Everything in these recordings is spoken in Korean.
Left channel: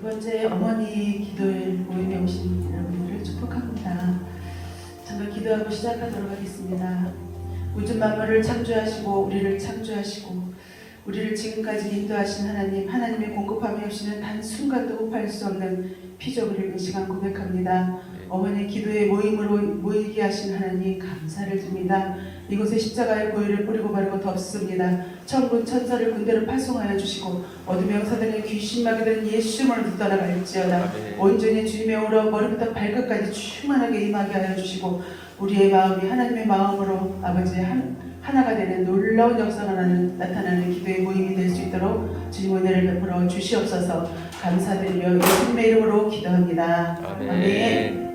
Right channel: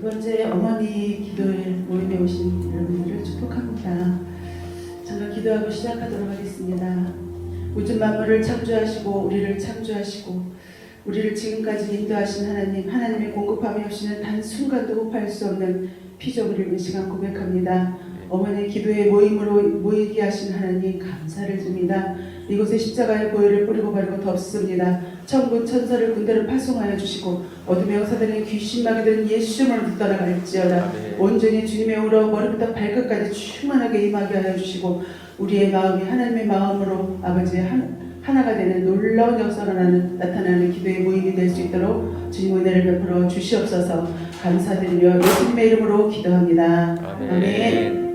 두 번째 어머니 기도에 모임에 오신 여러분들을 축복합니다. 정말 기도하고 시작하도록 하겠습니다. 우주 만물을 창조하시고 우리를 창조하시고 우리를 지금까지 인도하신 하나님, 하나님의 공급함이 없이는 단순간도 호흡할 수 없는 피조물을 이 시간 고백합니다. 어머니 기도의 모임으로 모이게 하신 하나님 감사를 드립니다. 이곳에 십자가의 보혈을 뿌리고 바르고 덮습니다. 천군 천사를 군대를 파송하여 주시고 어둠 영사들에게 귀신마귀 되는 예수님을 떠나갈지어다. 온전히 주님의 오러 머리부터 발끝까지 충만하게 임하게 하여 주시고 우리의 마음이 하나님의 마음으로 아버지의 하나가 되는 놀라운 역사가 나타나는 기도의 모임이 될 수 있도록 주님의 은혜를 베풀어 주시옵소서. 감사드리며 예수님의 이름으로 기도합니다. 아멘.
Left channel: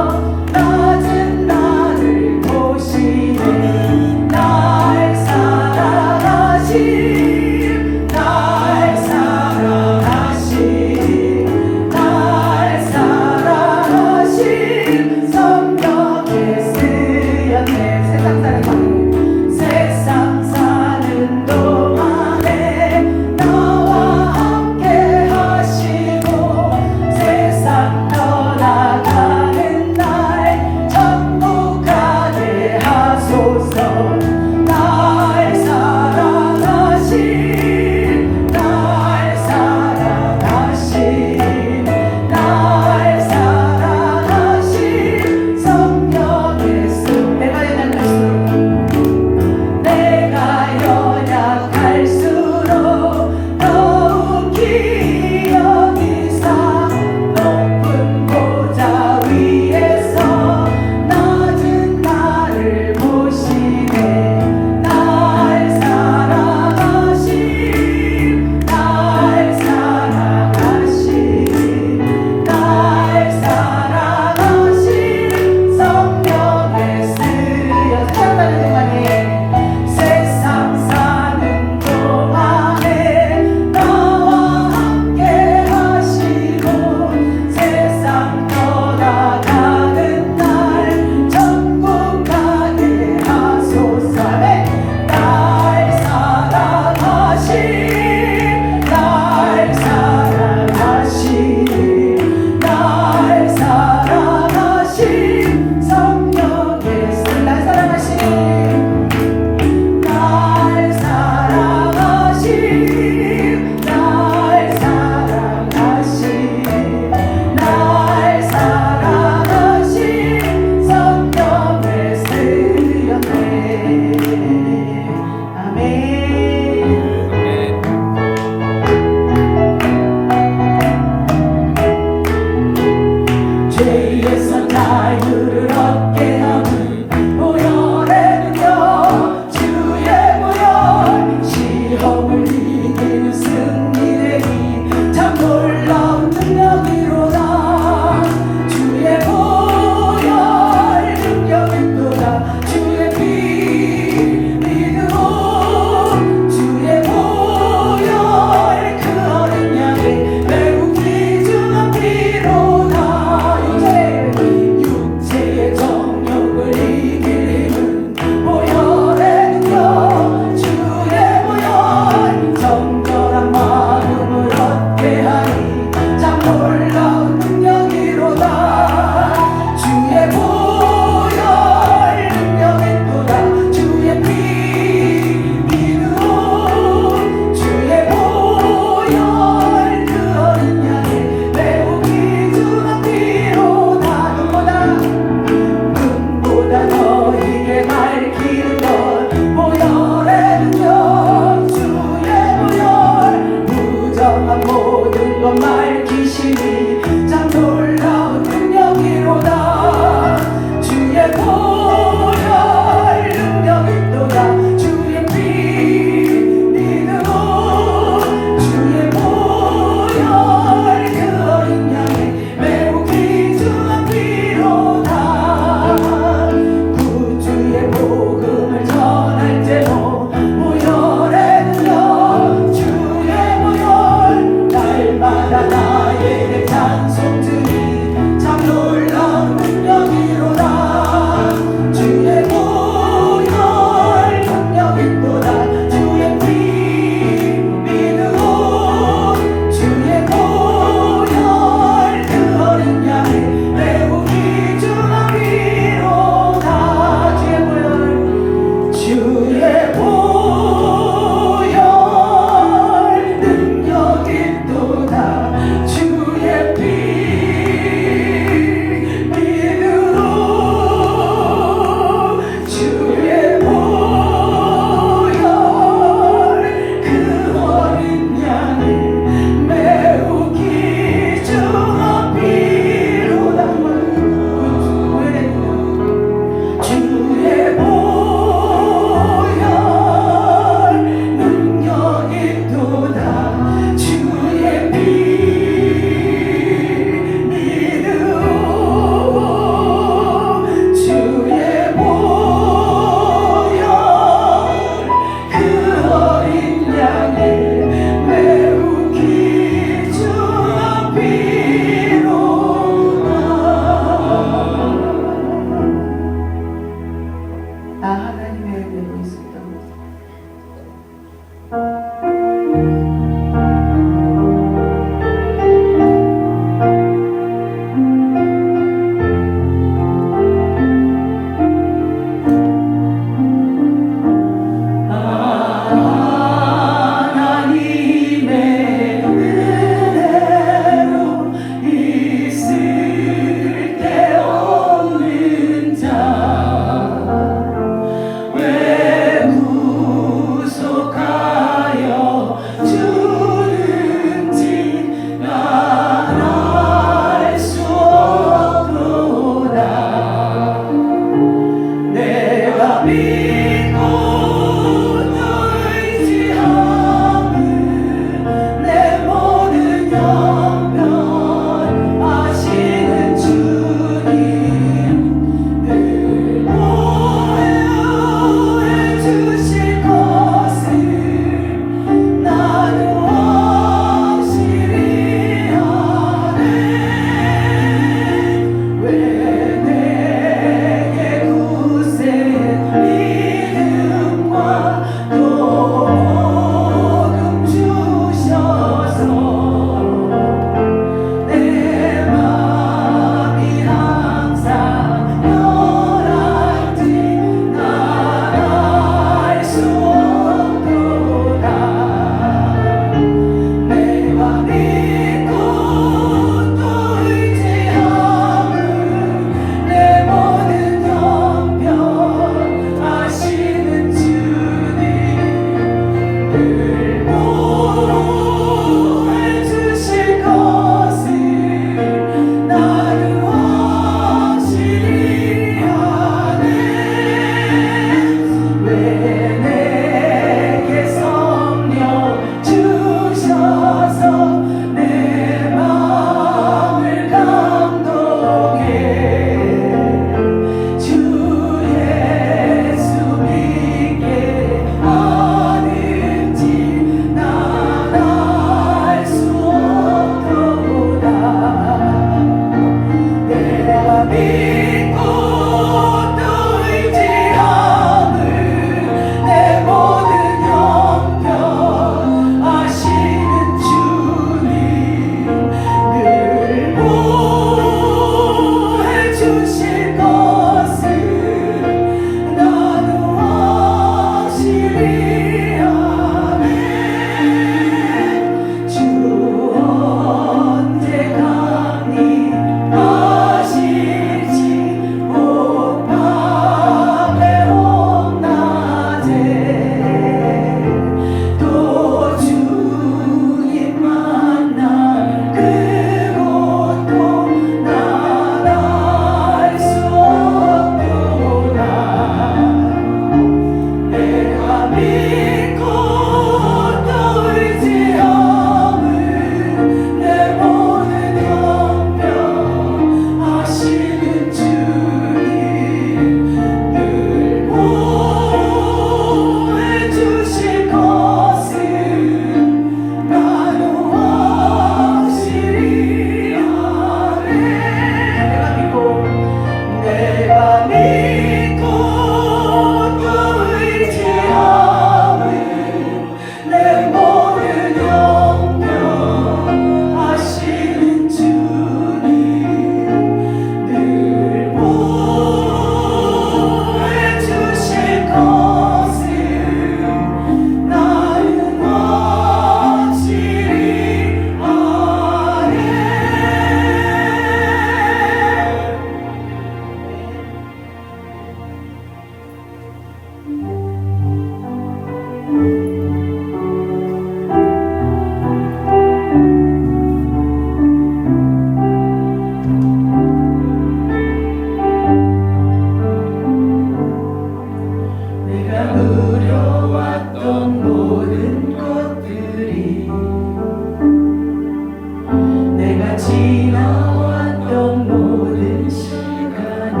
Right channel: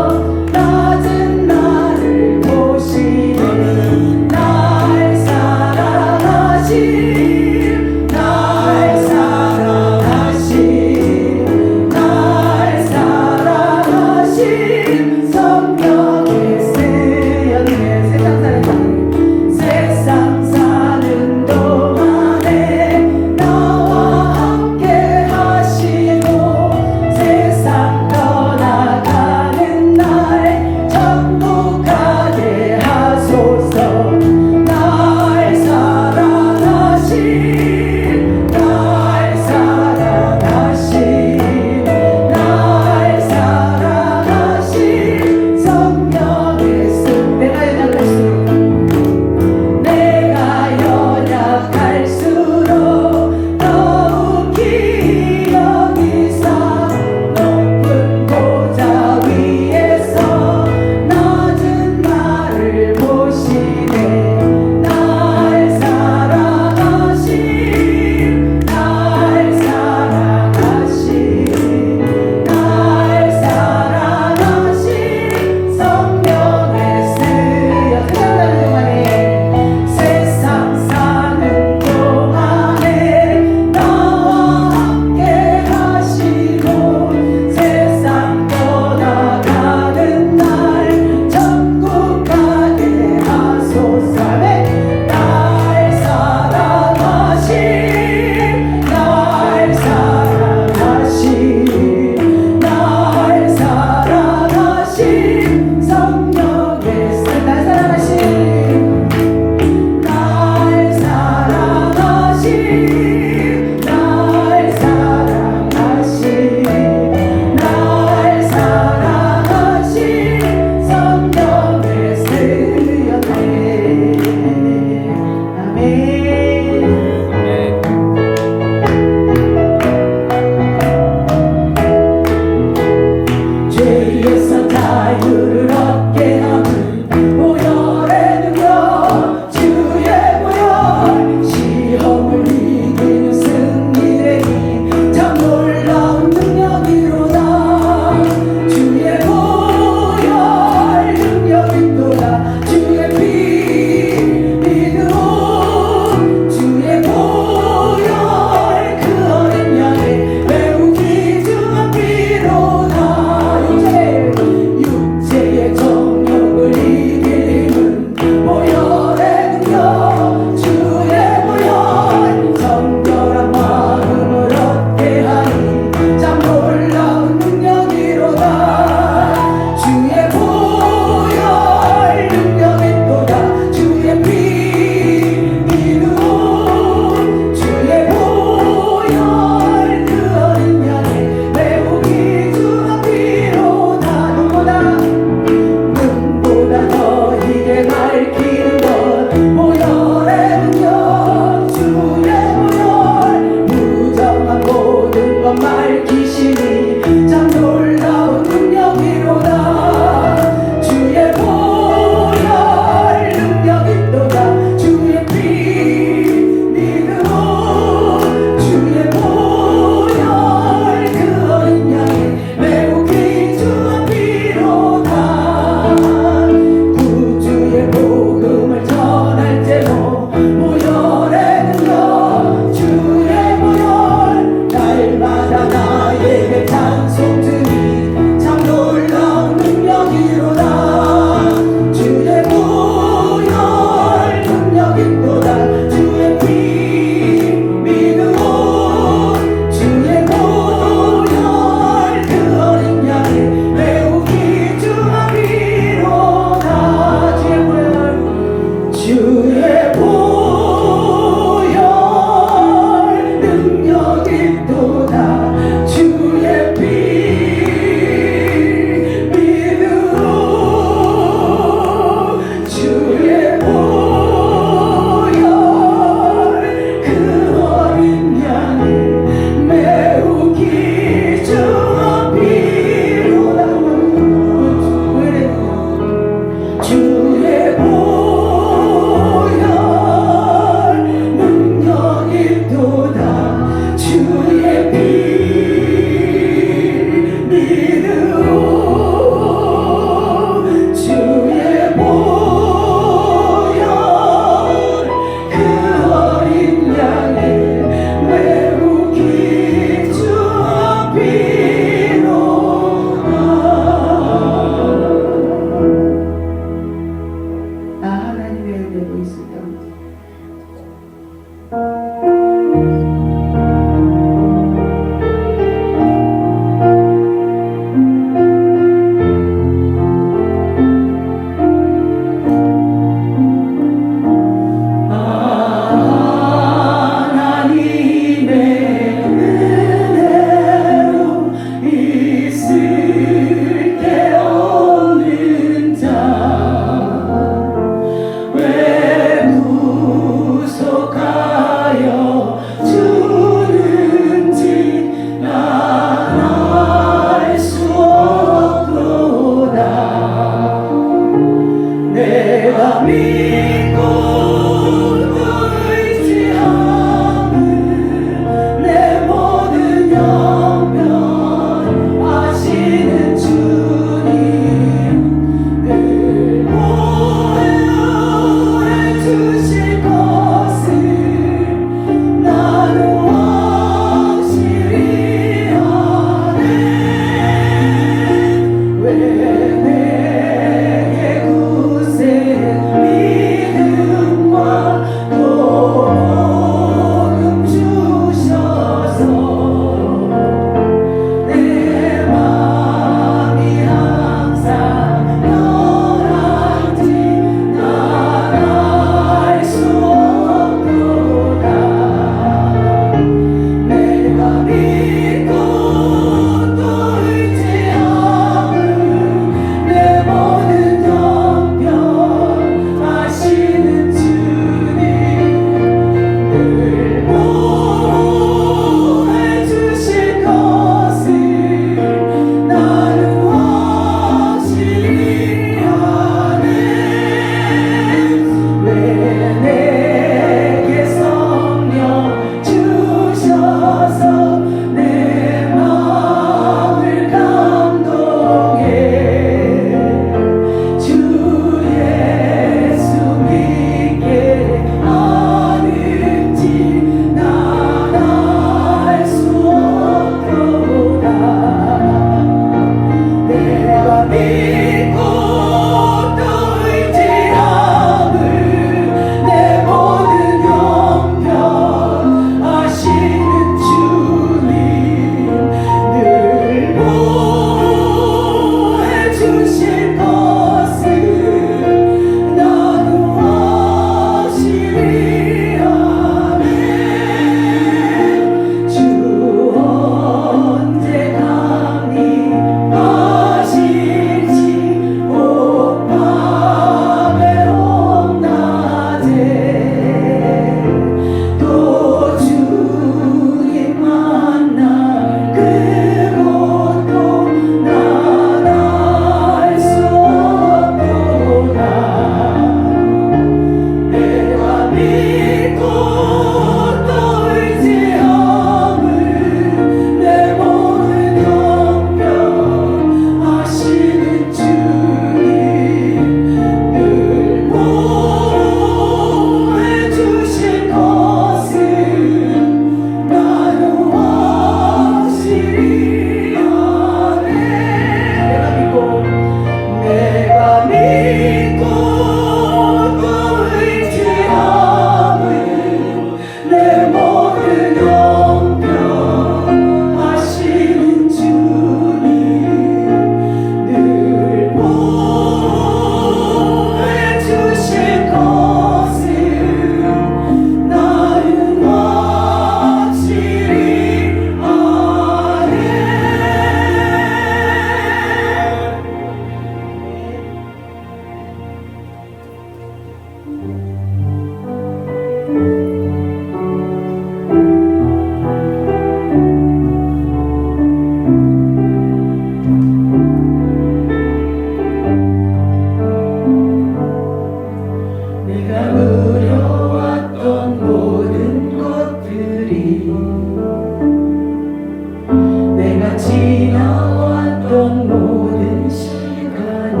지나왔던 모든 시간을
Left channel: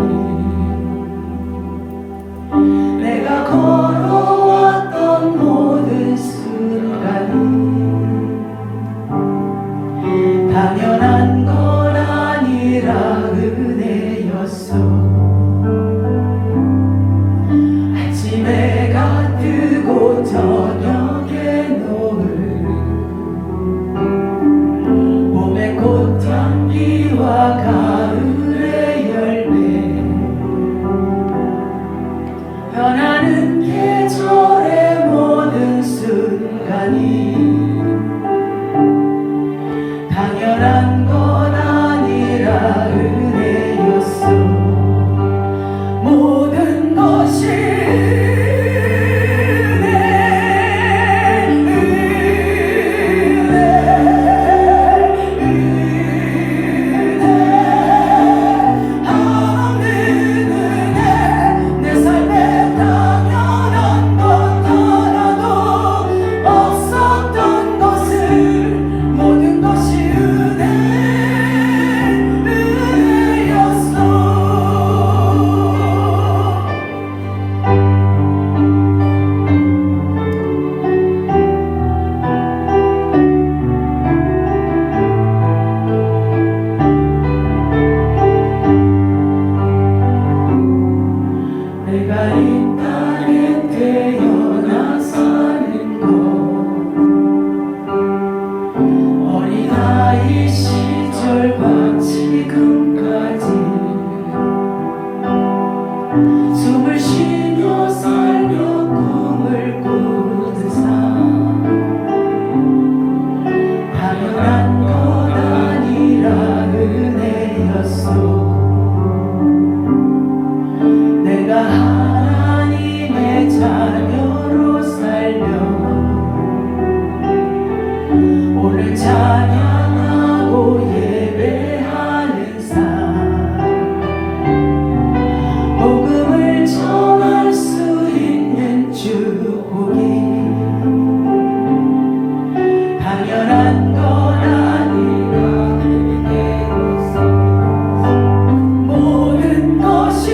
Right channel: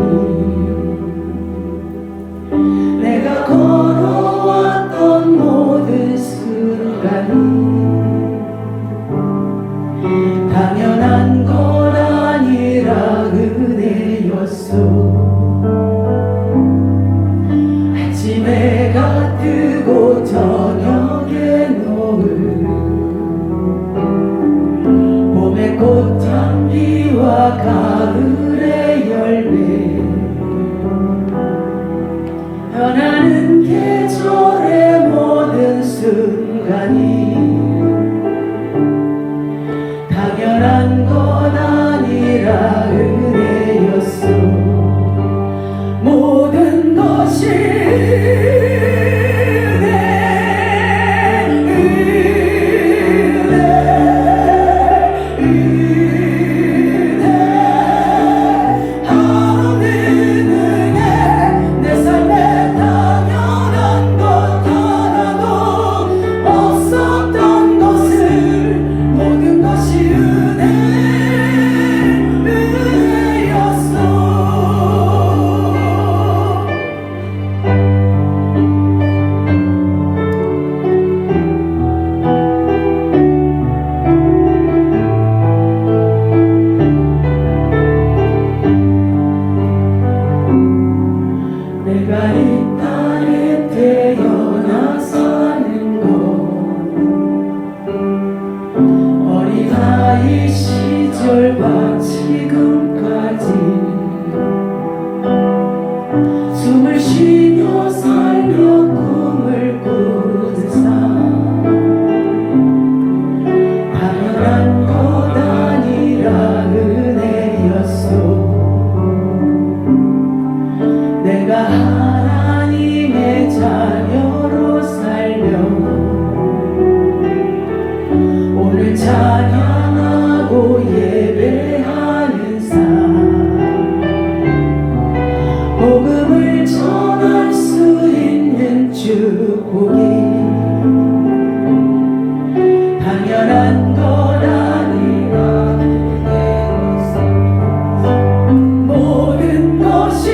내가 걸어왔던 모든 순간을 당연한 건 아니라 은혜였어. 아침에 해가 뜨고 저녁에 노을 봄의 꽃향기와 가을의 열매 변하는 계절의 모든 순간이 당연한 건 아니라 은혜였어. 모든 것이 내가 이 땅에 태어나 사는 것 어린아이 시절과 지금까지 숨을 쉬며 살며 꿈을 꾸는 삶 당연한 것 아니라 은혜였어. 내가 하나님의 자녀로 살며 오늘 찬양하고 예배하는 삶 복음을 전할 수 있는 축복이 당연한 것 아니라 은혜로서 모든 것이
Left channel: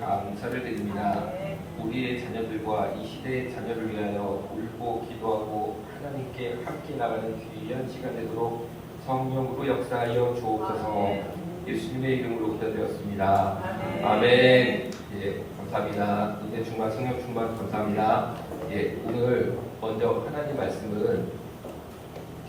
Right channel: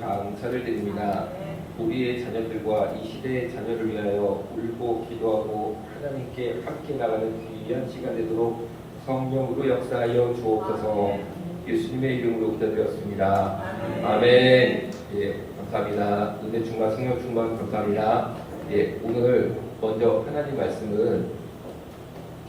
감사를 드립니다. 우리의 자녀들과 이 시대의 자녀를 위하여 울고 기도하고 하나님께 함께 나가는 귀한 시간 되도록 성령으로 역사하여 주옵소서. 예수님의 이름으로 기도드렸습니다. 아멘. 예, 감사합니다. 은혜 충만, 성령 충만 감사합니다. 예, 오늘 먼저 하나님 말씀은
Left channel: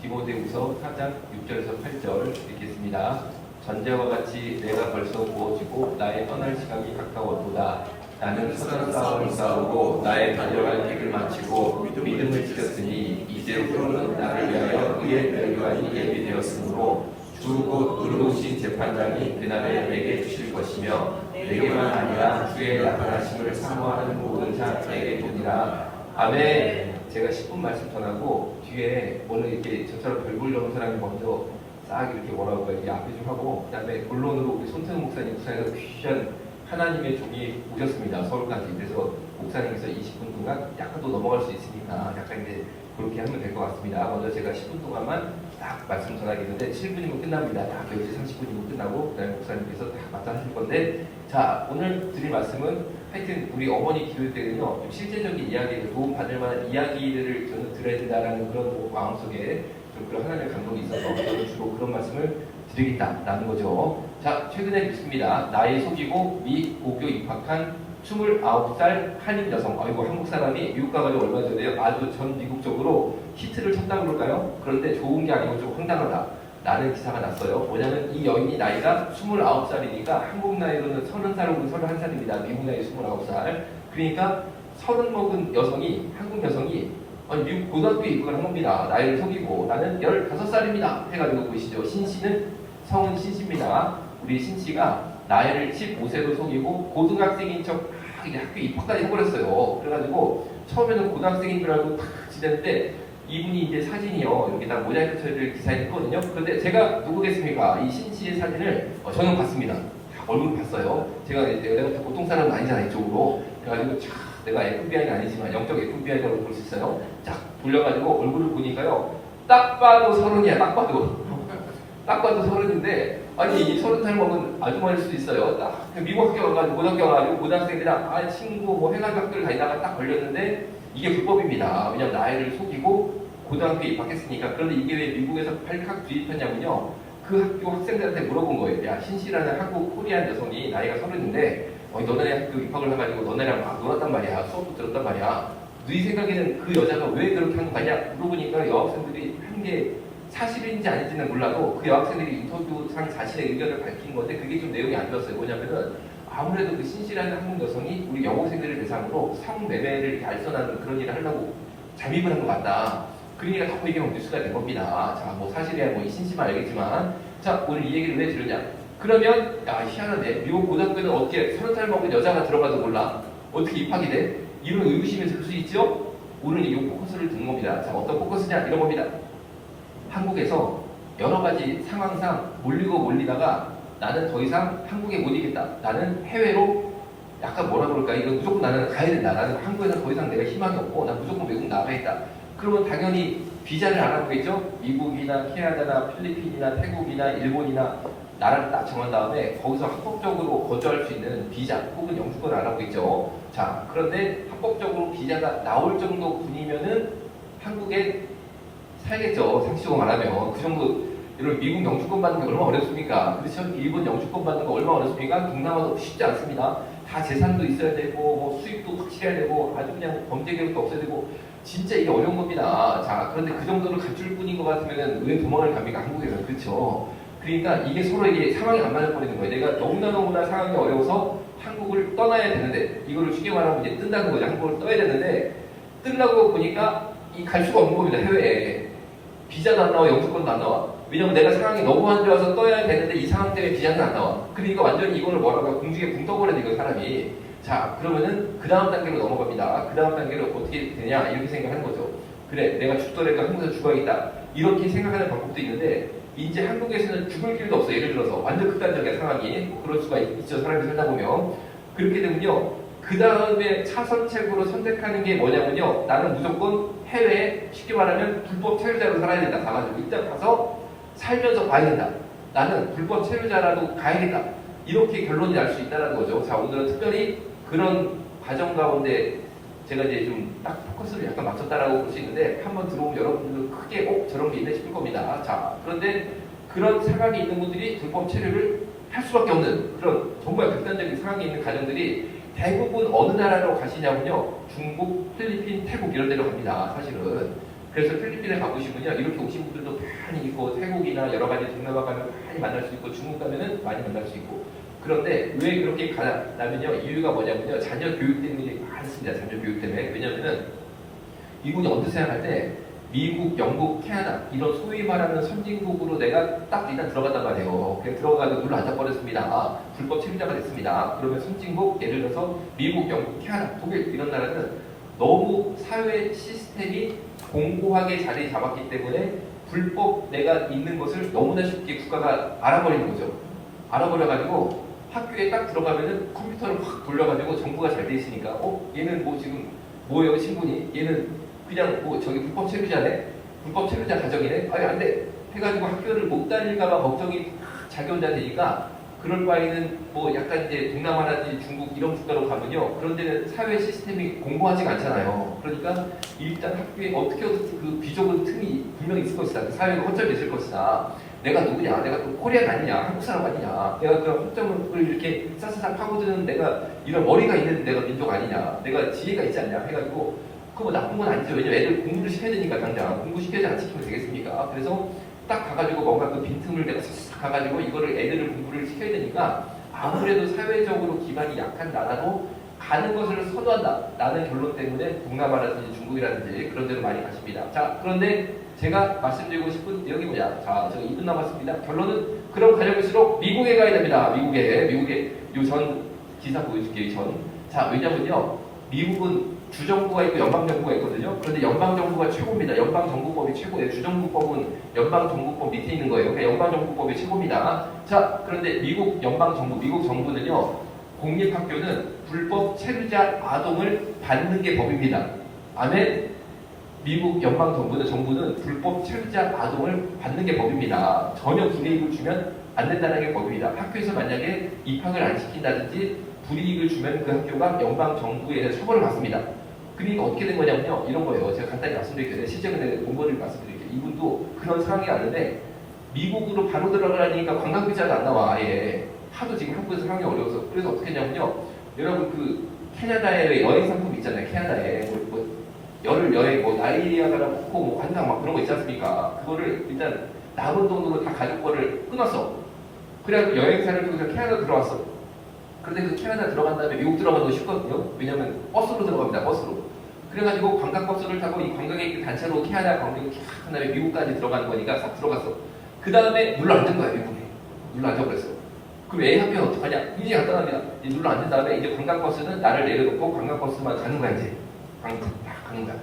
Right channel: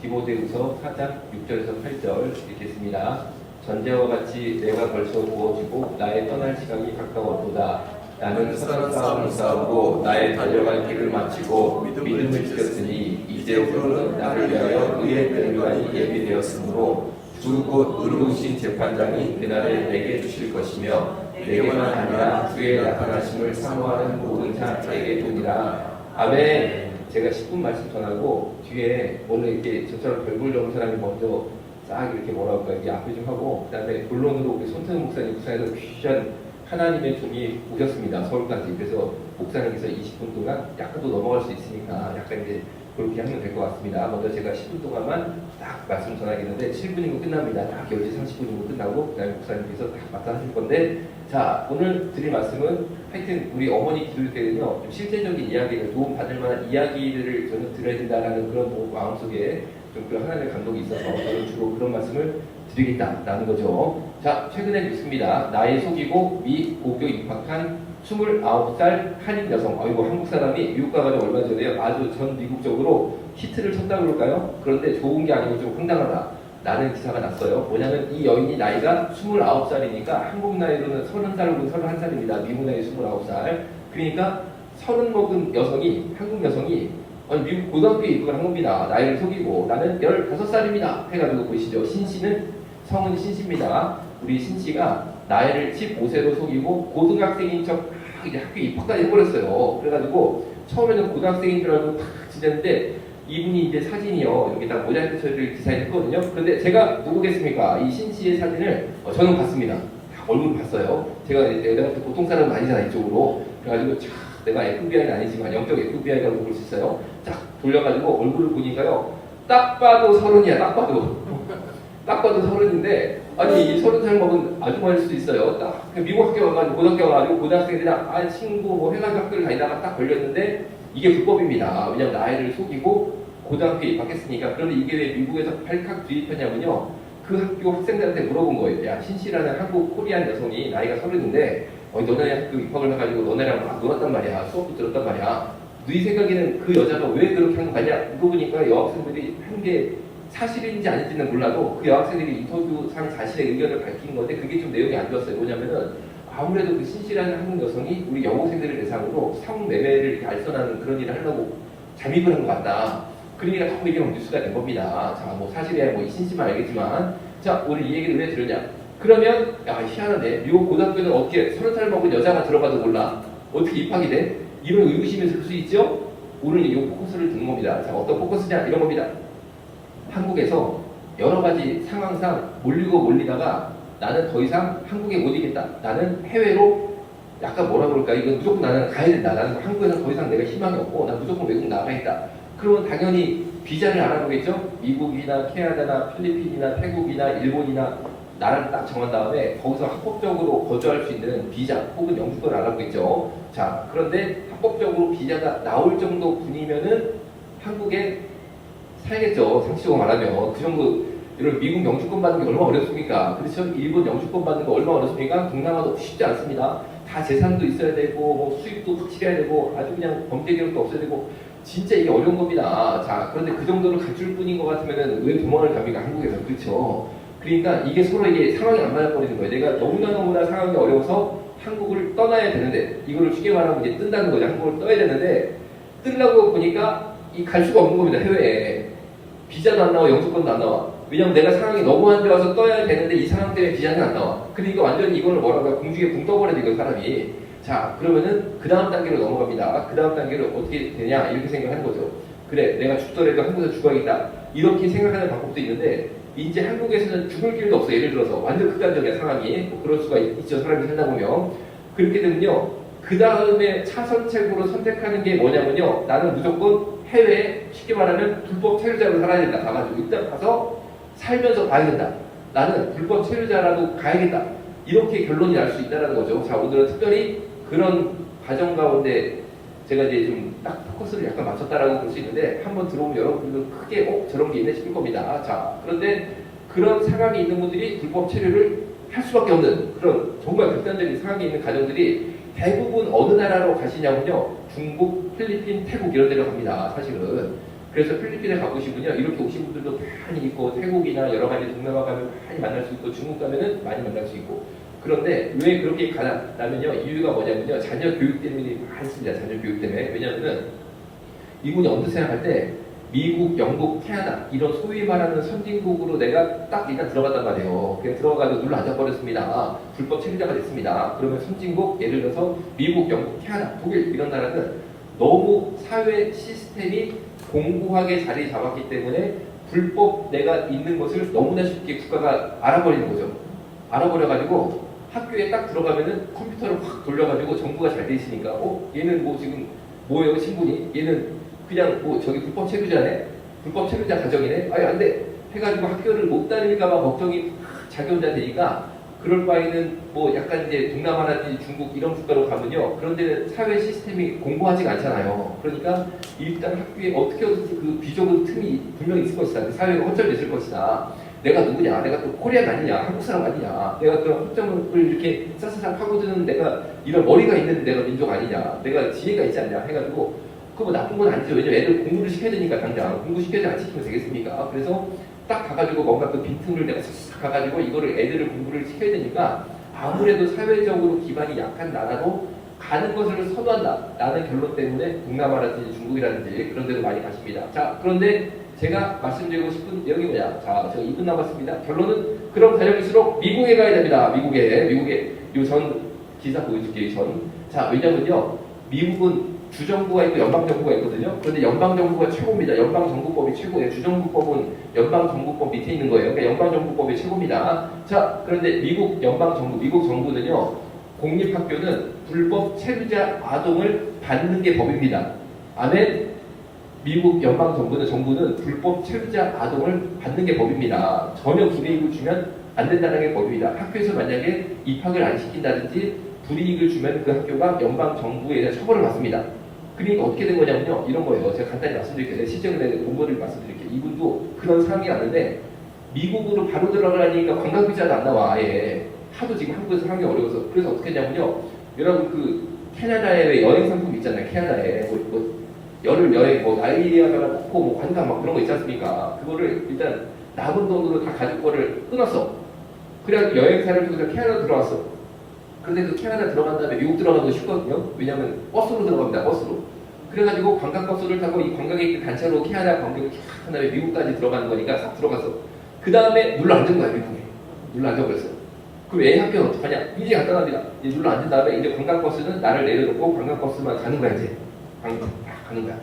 디모데후서 4장 6절에서 8절 읽겠습니다. 전제와 같이 내가 벌써 부어지고 나의 떠날 시간이 가까웠도다. 나는 선한 싸움을 싸우고 나의 달려갈 길을 마치고 믿음을 지켰으니 이제부터는 나를 위하여 의의 멸류관이 예비되었으므로 두 곳 의로우신 재판장이 그날에 내게 주실 것이며 내게만 아니라 주의 나타나심을 사모하는 모든 자에게 주니라. 아멘. 제가 10분 말씀 전하고 뒤에 오늘 이렇게 저처럼 별볼 넘은 사람이 먼저 싹 이렇게 뭐라고 할까 이렇게 앞에 좀 하고 그다음에 본론으로 손태훈 목사님 부산에서 귀한 하나님의 종이 오셨습니다. 서울까지. 그래서 목사님께서 20분 동안 약간 더 넘어갈 수 있으니까 약간 이제 그렇게 하면 될 것 같습니다. 먼저 제가 10분 동안만 딱 말씀 전하겠는데 7분이면 끝납니다. 딱 10시 30분이면 끝나고 그다음에 목사님께서 딱 맞다 하실 건데 자 오늘 드릴 말씀은 하여튼 우리 어머니 기도할 때는요 좀 실제적인 이야기를 도움받을 만한 이야기들을 저는 들어야 된다는 그런 마음속에 좀 그런 하나님의 감동이 있어서 저는 주로 그런 말씀을 드리겠다라는 거죠. 자, 최근에 있습니다. 나이 속이고 미 고교 입학한 29살 한인 여성. 아이고, 한국 사람이 미국 가가지고 얼마 전에요. 아주 전 미국적으로 히트를 쳤다고 그럴까요? 그런데 좋은 게 아니고 좀 황당하다. 라는 기사가 났어요. 뭐냐면 이 여인이 나이가 29살이니까 한국 나이로는 30살이고 31살입니다. 미국 나이 29살. 그러니까 30 먹은 여성이, 한국 여성이 아니, 미국 고등학교에 입학을 한 겁니다. 나이를 속이고 나는 15살입니다. 해가지고 보시죠. 신씨는 성은 신씨입니다. 우리 신씨가 나이를 15세로 속이고 고등학생인 척 이제 학교에 입학까지 해버렸어요. 그래가지고 처음에는 고등학생인 줄 알고 탁 지냈는데 이분이 이제 사진이요. 이렇게 딱 모자이크 처리를 디자인했거든요. 그런데 제가 누구겠습니까? 이 신씨의 사진을 저는 봤습니다. 얼굴 봤어요. 내가 보통 사람은 아니잖아요. 이쪽으로. 그래가지고 쫙 내가 FBI는 아니지만 영적 FBI라고 볼 수 있어요. 쫙 돌려가지고 얼굴을 보니까요. 딱 봐도 30이야. 딱 봐도. 딱 봐도 30인데 아니 이 30살 먹은 아주머니일 수도 있어요. 딱 미국 학교 와가지고 고등학교 와가지고 고등학생들이랑 친구 뭐 해가지고 학교를 다니다가 딱 걸렸는데 이게 불법입니다. 왜냐면 나이를 속이고 고등학교에 입학했으니까. 그런데 이게 왜 미국에서 발칵 주입했냐면요. 그 학교 학생들한테 물어본 거예요. 야 신씨라는 한국 코리안 여성이 나이가 30인데 너네 학교 입학을 해가지고 너네랑 막 놀았단 말이야. 수업도 들었단 말이야. 너희 생각에는 그 여자가 왜 그렇게 한 거냐? 물어보니까 여학생들이 한 게 사실인지 아닌지는 몰라도 그 여학생들이 인터뷰상 자신의 의견을 밝힌 건데 그게 좀 내용이 안 좋았어요. 뭐냐면은 아무래도 그 신씨라는 한국 여성이 우리 여고생들을 대상으로 성매매를 알선하는 그런 일을 하려고 잠입을 한 것 같다. 그러니까 자꾸 이게 뉴스가 된 겁니다. 자, 뭐 사실이야 뭐 신씨만 알겠지만 자, 오늘 이 얘기를 왜 들었냐? 그러면 야 희한하네. 미국 고등학교는 어떻게 30살 먹은 여자가 들어가도 몰라? 어떻게 입학이 돼? 이런 의구심이 들 수 있죠? 오늘 이 포커스를 듣는 겁니다. 자, 어떤 포커스냐? 이런 겁니다. 한국에서 여러 가지 상황상 몰리다가 나는 더 이상 한국에 못 있겠다. 나는 해외로 약간 뭐라 그럴까? 이건 무조건 나는 가야 된다. 나는 한국에서 더 이상 내가 희망이 없고 난 무조건 외국 나가야겠다. 그러면 당연히 비자를 알아보겠죠? 미국이나 캐나다나 필리핀이나 태국이나 일본이나 나라를 딱 정한 다음에 거기서 합법적으로 거주할 수 있는 비자 혹은 영주권을 알아보겠죠. 자, 그런데 합법적으로 비자가 나올 정도 분이면은 한국에 살겠죠. 상식적으로 말하면 그 정도. 여러분 미국 영주권 받는 게 얼마나 어렵습니까? 그렇죠? 일본 영주권 받는 거 얼마나 어렵습니까? 동남아도 쉽지 않습니다. 다 재산도 있어야 되고 뭐 수입도 확실해야 되고 아주 그냥 범죄 기록도 없어야 되고 진짜 이게 어려운 겁니다. 자, 그런데 그 정도를 갖출 뿐인 것 같으면은 왜 도망을 갑니까? 한국에서. 그렇죠? 그러니까 이게 서로 이게 상황이 안 맞아버리는 거예요. 내가 너무나 상황이 어려워서 한국을 떠나야 되는데 이거를 쉽게 말하면 이제 뜬다는 거죠. 한국을 떠야 되는데 뜨려고 보니까 이 갈 수가 없는 겁니다. 해외에. 비자도 안 나와, 영주권도 안 나와. 왜냐면 내가 상황이 너무 안 좋아서 떠야 되는데 이 상황 때문에 비자는 안 나와. 그러니까 완전히 이거를 뭐라고 해요? 공중에 붕 떠버려야 돼요, 사람이. 자, 그러면은 그 다음 단계로 넘어갑니다. 그 다음 단계로 어떻게 되냐? 이렇게 생각하는 거죠. 그래, 내가 죽더라도 한국에서 죽어야겠다. 이렇게 생각하는 방법도 있는데 이제 한국에서는 죽을 길도 없어요. 예를 들어서 완전 극단적인 상황이 뭐 그럴 수가 있죠. 사람이 살다 보면. 그렇게 되면요. 그 다음에 차선책으로 선택하는 게 뭐냐면요. 나는 무조건 해외에 쉽게 말하면 불법 체류자로 살아야 된다. 가가지고 일단 가서 살면서 봐야 된다. 나는 불법 체류자라도 가야겠다. 이렇게 결론이 날 수 있다는 거죠. 자, 오늘은 특별히 그런 과정 가운데 제가 이제 좀 딱 포커스를 약간 맞췄다라고 볼 수 있는데 한번 들어오면 여러분들도 크게 저런 게 있나 싶을 겁니다. 자, 그런데 그런 상황이 있는 분들이 불법 체류를 할 수밖에 없는 그런 정말 극단적인 상황이 있는 가정들이 대부분 어느 나라로 가시냐면요. 중국, 필리핀, 태국 이런 데로 갑니다. 사실은. 그래서 필리핀에 가보시면요. 이렇게 오신 분들도 많이 있고 태국이나 여러 가지 동남아 가면 많이 만날 수 있고 중국 가면은 많이 만날 수 있고 그런데 왜 그렇게 가냐면요, 이유가 뭐냐면요, 자녀 교육 때문에 많습니다. 자녀 교육 때문에. 왜냐면은 미국이 언뜻 생각할 때 미국, 영국, 캐나다 이런 소위 말하는 선진국으로 내가 딱 일단 들어갔단 말이에요. 그냥 들어가서 눌러 앉아버렸습니다. 불법 체류자가 됐습니다. 그러면 선진국, 예를 들어서 미국, 영국, 캐나다, 독일 이런 나라는 너무 사회 시스템이 공고하게 자리 잡았기 때문에 불법 내가 있는 것을 너무나 쉽게 국가가 알아버리는 거죠. 알아버려가지고 학교에 딱 들어가면은 컴퓨터를 확 돌려가지고 정보가 잘 돼 있으니까 얘는 뭐 지금 뭐예요 신분이? 얘는 그냥 뭐 저기 불법 체류자네? 불법 체류자 가정이네? 아니 안 돼! 해가지고 학교를 못 다닐까봐 걱정이 자기혼자 되니까 그럴 바에는 뭐 약간 이제 동남아라든지 중국 이런 국가로 가면요, 그런 데는 사회 시스템이 공고하지가 않잖아요. 그러니까 일단 학교에 어떻게든 그 비좁은 틈이 분명히 있을 것이다. 사회가 허점이 있을 것이다. 내가 누구냐? 내가 또 코리안 아니냐? 한국 사람 아니냐? 내가 그런 허점을 이렇게 싹싹 파고드는 내가 이런 머리가 있는 내가 민족 아니냐? 내가 지혜가 있지 않냐? 해가지고 그거 뭐 나쁜 건 아니죠. 왜냐면 애들 공부를 시켜야 되니까 당장 공부시켜야지 안 시키면 되겠습니까? 그래서 딱 가가지고 뭔가 그 빈틈을 내가 싹 가가지고 이거를 애들을 공부를 시켜야 되니까 아무래도 사회적으로 기반이 약한 나라로 가는 것을 선호한다라는 결론 때문에 동남아라든지 중국이라든지 그런 데로 많이 가십니다. 자, 그런데 제가 말씀드리고 싶은 내용이 뭐냐? 자, 제가 2분 남았습니다. 결론은 그럼 가려울수록 미국에 가야 됩니다. 미국에 요 전 기사 보여줄게요. 자, 왜냐면요, 미국은 주정부가 있고 연방정부가 있거든요. 그런데 연방정부가 최고입니다. 연방정부법이 최고예요. 주정부법은 연방정부법 밑에 있는 거예요. 그러니까 연방정부법이 최고입니다. 자, 그런데 미국 정부는요, 공립학교는 불법 체류자 아동을 받는 게 법입니다. 아멘? 미국 정부는 불법 체류자 아동을 받는 게 법입니다. 전혀 불이익을 주면 안 된다는 게 법입니다. 학교에서 만약에 입학을 안 시킨다든지 불이익을 주면 그 학교가 연방정부에 대한 처벌을 받습니다. 그러니까 어떻게 된 거냐면요, 이런 거예요. 제가 간단히 말씀드릴게요. 실제로 공부를 말씀드릴게요. 이분도 그런 상황이 왔는데 미국으로 바로 들어가려니까 관광비자가 안 나와. 아예 하도 지금 한국에서 상황이 어려워서. 그래서 어떻게 했냐면요, 여러분 그 캐나다에 여행 상품 있잖아요. 캐나다에 여행 나이아가라 폭포 관광 막 그런 거 있지 않습니까? 그거를 일단 남은 돈으로 다 가족 거를 끊었어. 그래가지고 여행사를 그냥 캐나다 들어왔어. 그런데 그 캐나다 들어간 다음에 미국 들어가는 거 쉽거든요. 왜냐면 버스로 들어갑니다. 버스로. 그래가지고 관광버스를 타고 이 관광객들 단체로 캐나다 관광객을 쫙 한 다음에 미국까지 들어가는 거니까 싹 들어갔어. 그 다음에 눌러 앉은 거야, 미국에. 눌러 앉아버렸어. 그럼 애 학교는 어떡하냐? 굉장히 간단합니다. 이제 눌러 앉은 다음에 이제 관광버스는 나를 내려놓고 관광버스만 가는 거야, 이제. 가는 거야.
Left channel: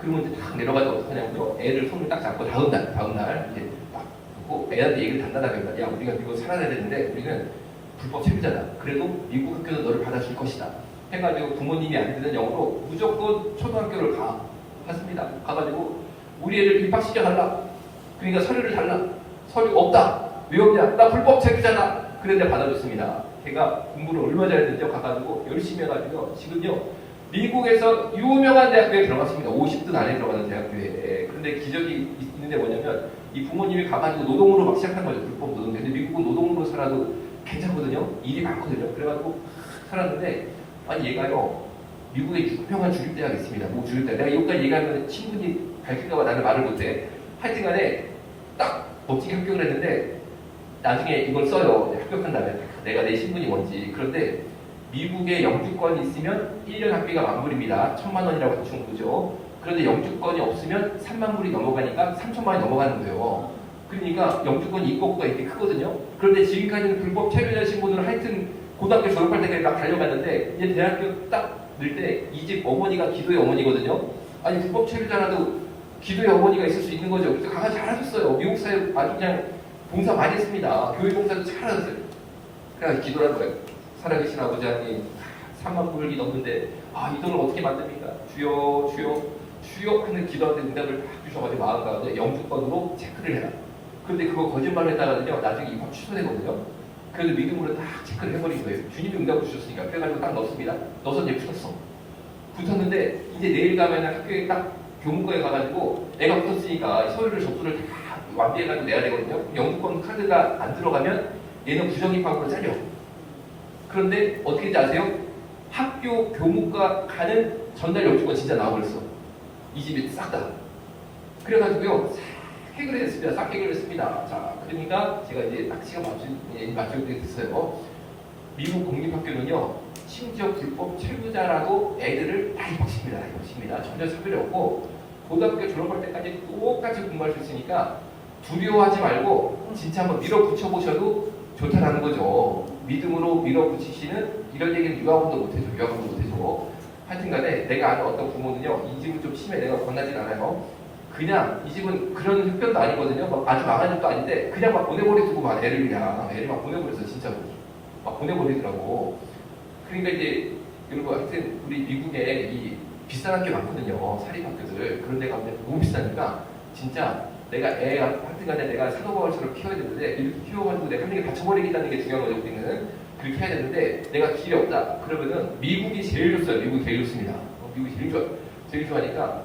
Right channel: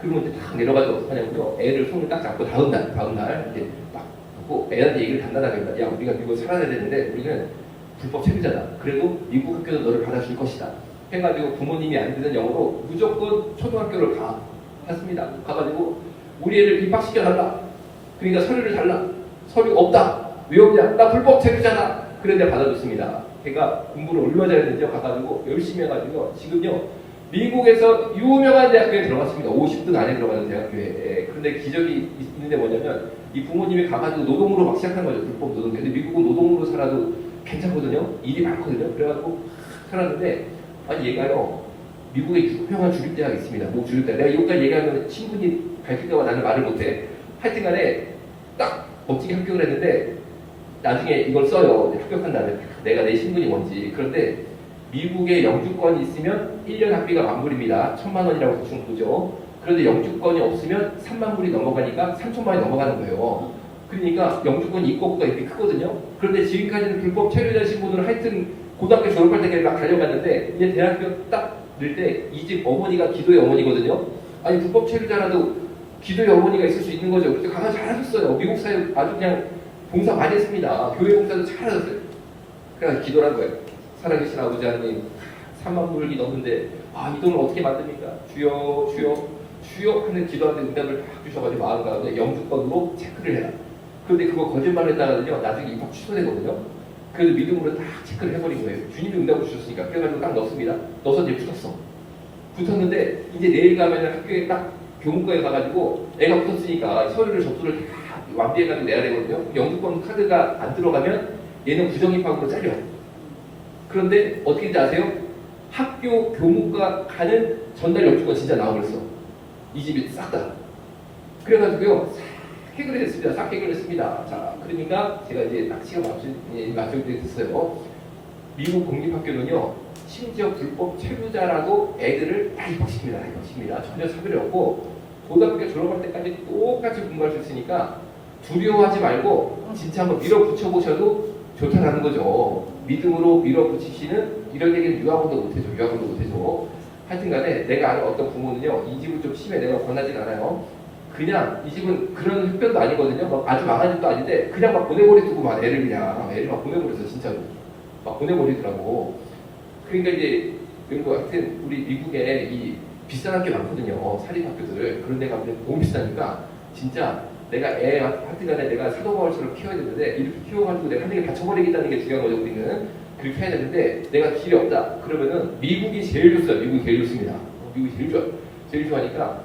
그러면 이제 딱 내려가서 어떡하냐면요, 애를 손을 딱 잡고 다음 날 이제 딱 놓고 애한테 얘기를 단단하게 합니다. 야, 우리가 미국에 살아야 되는데 우리는 불법 체류자다. 그래도 미국 학교는 너를 받아줄 것이다. 해가지고 부모님이 안 듣는 영어로 무조건 초등학교를 갔습니다. 가가지고 우리 애를 입학시켜달라. 그러니까 서류를 달라. 서류 없다. 왜 없냐? 나 불법 체류자다. 그래 내가 받아줬습니다. 걔가 공부를 얼마나 잘했는지요. 가가지고 열심히 해가지고 지금요, 미국에서 유명한 대학교에 들어갔습니다. 50등 안에 들어가는 대학교에. 그런데 기적이 있는데 뭐냐면 이 부모님이 가가지고 노동으로 막 시작한 거죠. 불법 노동. 근데 미국은 노동으로 살아도 괜찮거든요. 일이 많거든요. 그래가지고 살았는데, 아니 얘가요, 미국에 유명한 주립대학이 있습니다. 뭐 주립대학. 내가 이것까지 얘기하면 친분이 밝힐까봐 나는 말을 못해. 하여튼간에 딱 멋지게 합격을 했는데 나중에 이걸 써요. 합격한 다음에 내가 내 신분이 뭔지. 그런데 미국에 영주권이 있으면 1년 학비가 10,000불입니다. 1,000만 원이라고 대충 보죠. 그런데 영주권이 없으면 3만 불이 넘어가니까 3천만 원이 넘어가는 거예요. 그러니까 영주권 입법부가 이렇게 크거든요. 그런데 지금까지는 불법 체류자 신분으로 하여튼 고등학교 졸업할 때까지 막 달려갔는데 이제 대학교 딱 늘 때 이 집 어머니가 기도의 어머니거든요. 아니 불법 체류자라도 기도의 어머니가 있을 수 있는 거죠. 그래서 가서 잘하셨어요. 미국 사회 아주 그냥 봉사 많이 했습니다. 교회 봉사도 잘하셨어요. 그래서 기도를 한 거예요. 살아계신 아버지 하나님, 3만 불이 넘는데 이 돈을 어떻게 만듭니까? 주여 하는 기도하는데 응답을 딱 주셔가지고 마음 가운데 영주권으로 체크를 해요. 그런데 그거 거짓말을 했다가는요, 나중에 입학 취소되거든요. 그래서 믿음으로 딱 체크를 해버린 거예요. 주님이 응답을 주셨으니까. 그래가지고 딱 넣습니다. 넣어서 이제 붙었는데 이제 내일 가면은 학교에 딱 교문과에 가가지고 애가 붙었으니까 서류를 접수를 다 완비해가지고 내야 되거든요. 영주권 카드가 안 들어가면 얘는 부정입학으로 잘려. 그런데 어떻게 인지 아세요? 학교 교무과 가는 전달 영주권 진짜 나와버렸어. 이 집이 싹 다. 그래가지고요, 싹 해결했습니다. 자, 그러니까 제가 이제 딱 시간 맞출 때 됐어요. 미국 공립학교는요, 심지어 불법 체류자라고 애들을 발탁시킵니다. 이것입니다. 전혀 차별이 없고 고등학교 졸업할 때까지 똑같이 공부할 수 있으니까 두려워하지 말고 진짜 한번 밀어붙여 보셔도 좋다라는 거죠. 믿음으로 밀어붙이시는 이런 얘기는 유아원도 못해줘. 유아원도 못해줘. 하여튼간에 내가 아는 어떤 부모는요, 이 집은 좀 심해. 내가 권하진 않아요. 그냥 이 집은 그런 흡변도 아니거든요. 막 아주 망한 집도 아닌데 그냥 막 보내버리더구만. 애를 막 보내버려서 진짜로 막 보내버리더라고. 그러니까 이제 이런 거 하여튼 우리 미국에 이 비싼 학교 많거든요. 사립학교들. 그런 데가 근데 너무 비싸니까 진짜 내가 애 하여튼간에 내가 사도바울처럼 키워야 되는데 이렇게 키워가지고 내가 한 명이 다쳐버리겠다는 게 중요한 거죠. 우리는 그렇게 해야 되는데 내가 길이 없다. 그러면은 미국이 제일 좋어요. 미국이 제일 좋습니다. 미국이 제일 좋아요. 제일 좋아하니까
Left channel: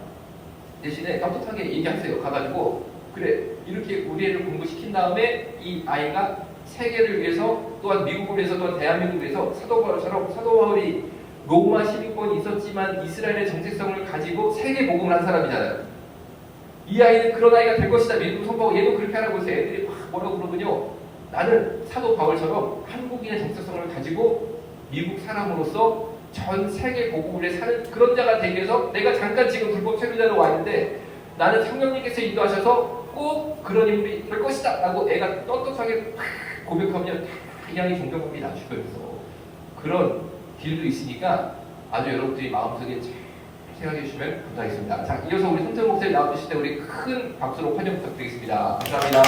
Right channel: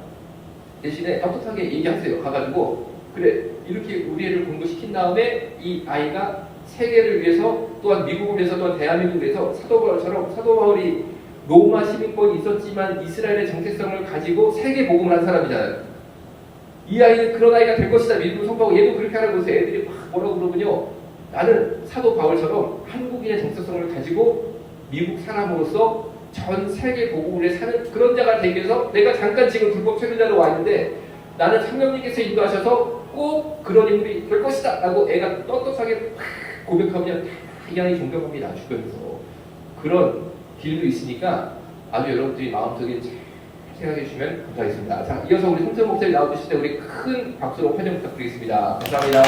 대신에 떳떳하게 얘기하세요. 가가지고 그래 이렇게 우리 애를 공부시킨 다음에 이 아이가 세계를 위해서 또한 미국을 위해서 또한 대한민국을 위해서 사도 바울이 로마 시민권이 있었지만 이스라엘의 정체성을 가지고 세계 복음을 한 사람이잖아요. 이 아이는 그런 아이가 될 것이다. 믿음을 선포하고 얘도 그렇게 하라고 해서 애들이 막 뭐라고 그러군요. 나는 사도 바울처럼 한국인의 정체성을 가지고 미국 사람으로서 전 세계 복음을 사는 그런 자가 되기 위해서 내가 잠깐 지금 불법 체류자로 왔는데 나는 성령님께서 인도하셔서 꼭 그런 인물이 될 것이다 라고 애가 떳떳하게 고백하면 이 아이 존경합니다. 주변에서 그런 길도 있으니까 아주 여러분들이 마음속에 잘 생각해 주시면 감사하겠습니다. 자, 이어서 우리 손정 목사님 나와주실 때 우리 큰 박수로 환영 부탁드리겠습니다. 감사합니다.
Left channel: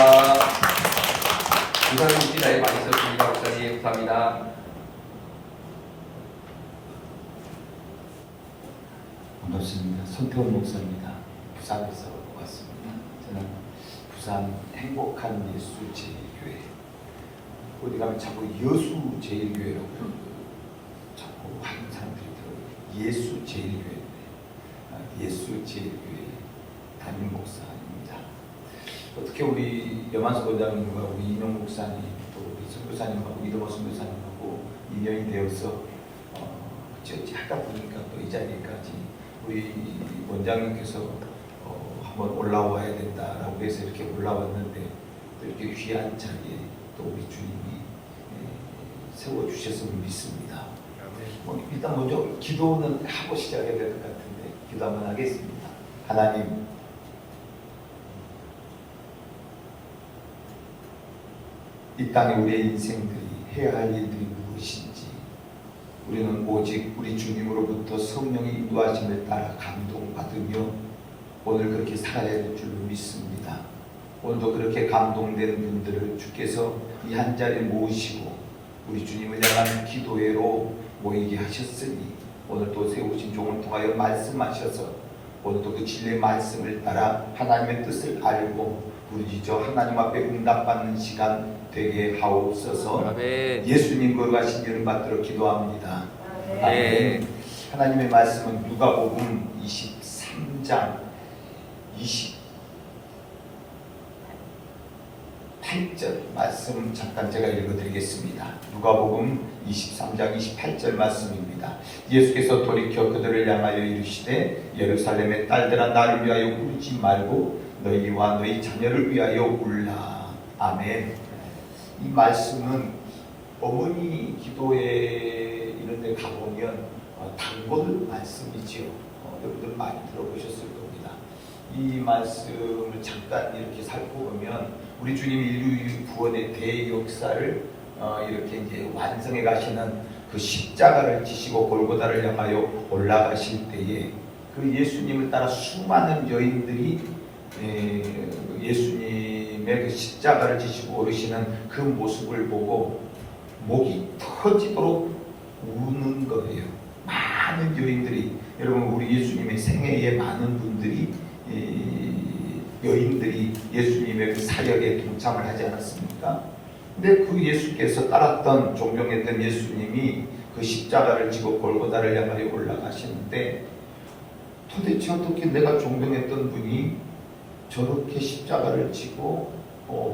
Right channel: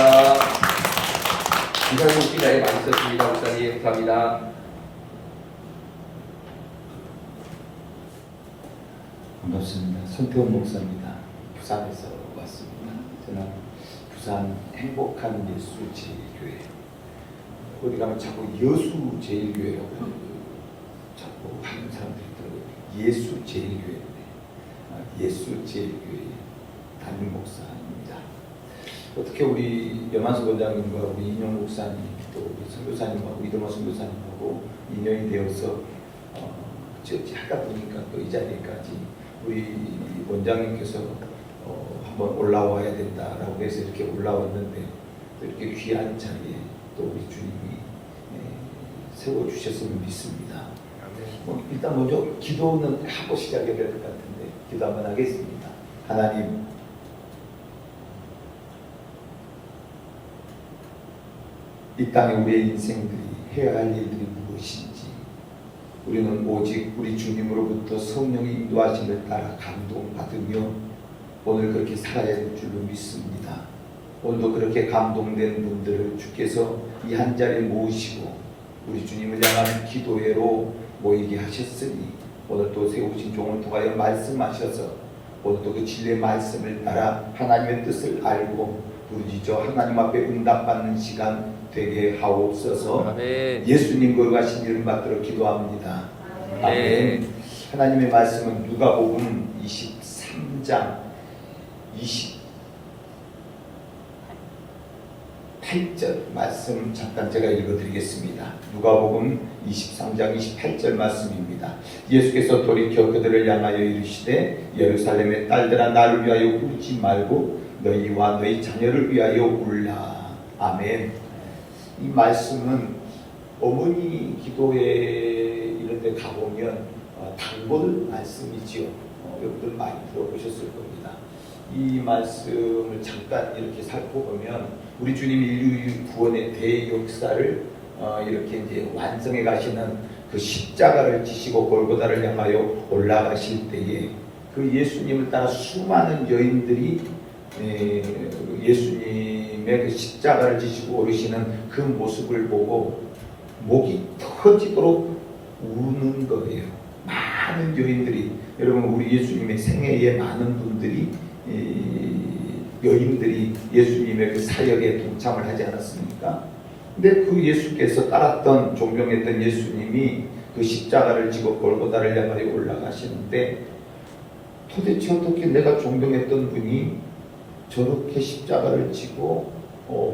이사님 기다에 많이 썼습니다. 목사님 감사합니다. 반갑습니다. 손태원 목사입니다. 부산에서 왔습니다. 저는 부산 행복한 예수 제일교회. 어디 가면 자꾸 여수 제일교회라고 자꾸 하는 사람들이 있더라고요. 예수 제일교회. 예수 제일교회 담임 목사입니다. 어떻게 우리 염한수 원장님과 우리 이명 목사님 또 우리 선교사님과 우리 이동화 선교사님하고 인연이 되어서 어찌 하다 보니까 또 이 자리까지 우리 원장님께서 한번 올라와야 된다라고 해서 이렇게 올라왔는데 또 이렇게 귀한 자리에 또 우리 주님이 세워주셨으면 믿습니다. 일단 먼저 기도는 하고 시작해야 될 것 같은데 기도 한번 하겠습니다. 하나님, 이 땅에 우리의 인생들이 해야 할 일들이 무엇인지 우리는 오직 우리 주님으로부터 성령의 인도하심을 따라 감동받으며 오늘 그렇게 살아야 될 줄로 믿습니다. 오늘도 그렇게 감동된 분들을 주께서 이 한 자리에 모으시고 우리 주님을 향한 기도회로 모이게 하셨으니 오늘 또 세우신 종을 통하여 말씀하셔서 오늘도 그 진리의 말씀을 따라 하나님의 뜻을 알고 우리 저 하나님 앞에 응답받는 시간 되게 하옵소서. 아멘. 예수님 거룩하신 이름 받들어 기도합니다. 아멘. 하나님의 말씀은 누가복음 23장 28절 말씀 잠깐 제가 읽어드리겠습니다. 누가복음 23장 28절 말씀입니다. 예수께서 돌이켜 그들을 향하여 이르시되 예루살렘의 딸들아 나를 위하여 울지 말고 너희와 너희 자녀를 위하여 울라. 아멘. 이 말씀은 어머니 기도회 이런 데 가보면 단골 말씀이지요. 여러분들 많이 들어보셨을 겁니다. 이 말씀을 잠깐 이렇게 살펴보면 우리 주님이 인류 구원의 대역사를 이렇게 이제 완성해 가시는 그 십자가를 지시고 골고다를 향하여 올라가실 때에 그 예수님을 따라 수많은 여인들이 예수님의 그 십자가를 지시고 오르시는 그 모습을 보고 목이 터지도록 우는 거예요. 많은 여인들이, 여러분 우리 예수님의 생애에 많은 분들이 여인들이 예수님의 그 사역에 동참을 하지 않았습니까? 근데 그 예수께서 따랐던 존경했던 예수님이 그 십자가를 지고 골고다를 향하여 올라가시는데 도대체 어떻게 내가 존경했던 분이 저렇게 십자가를 지고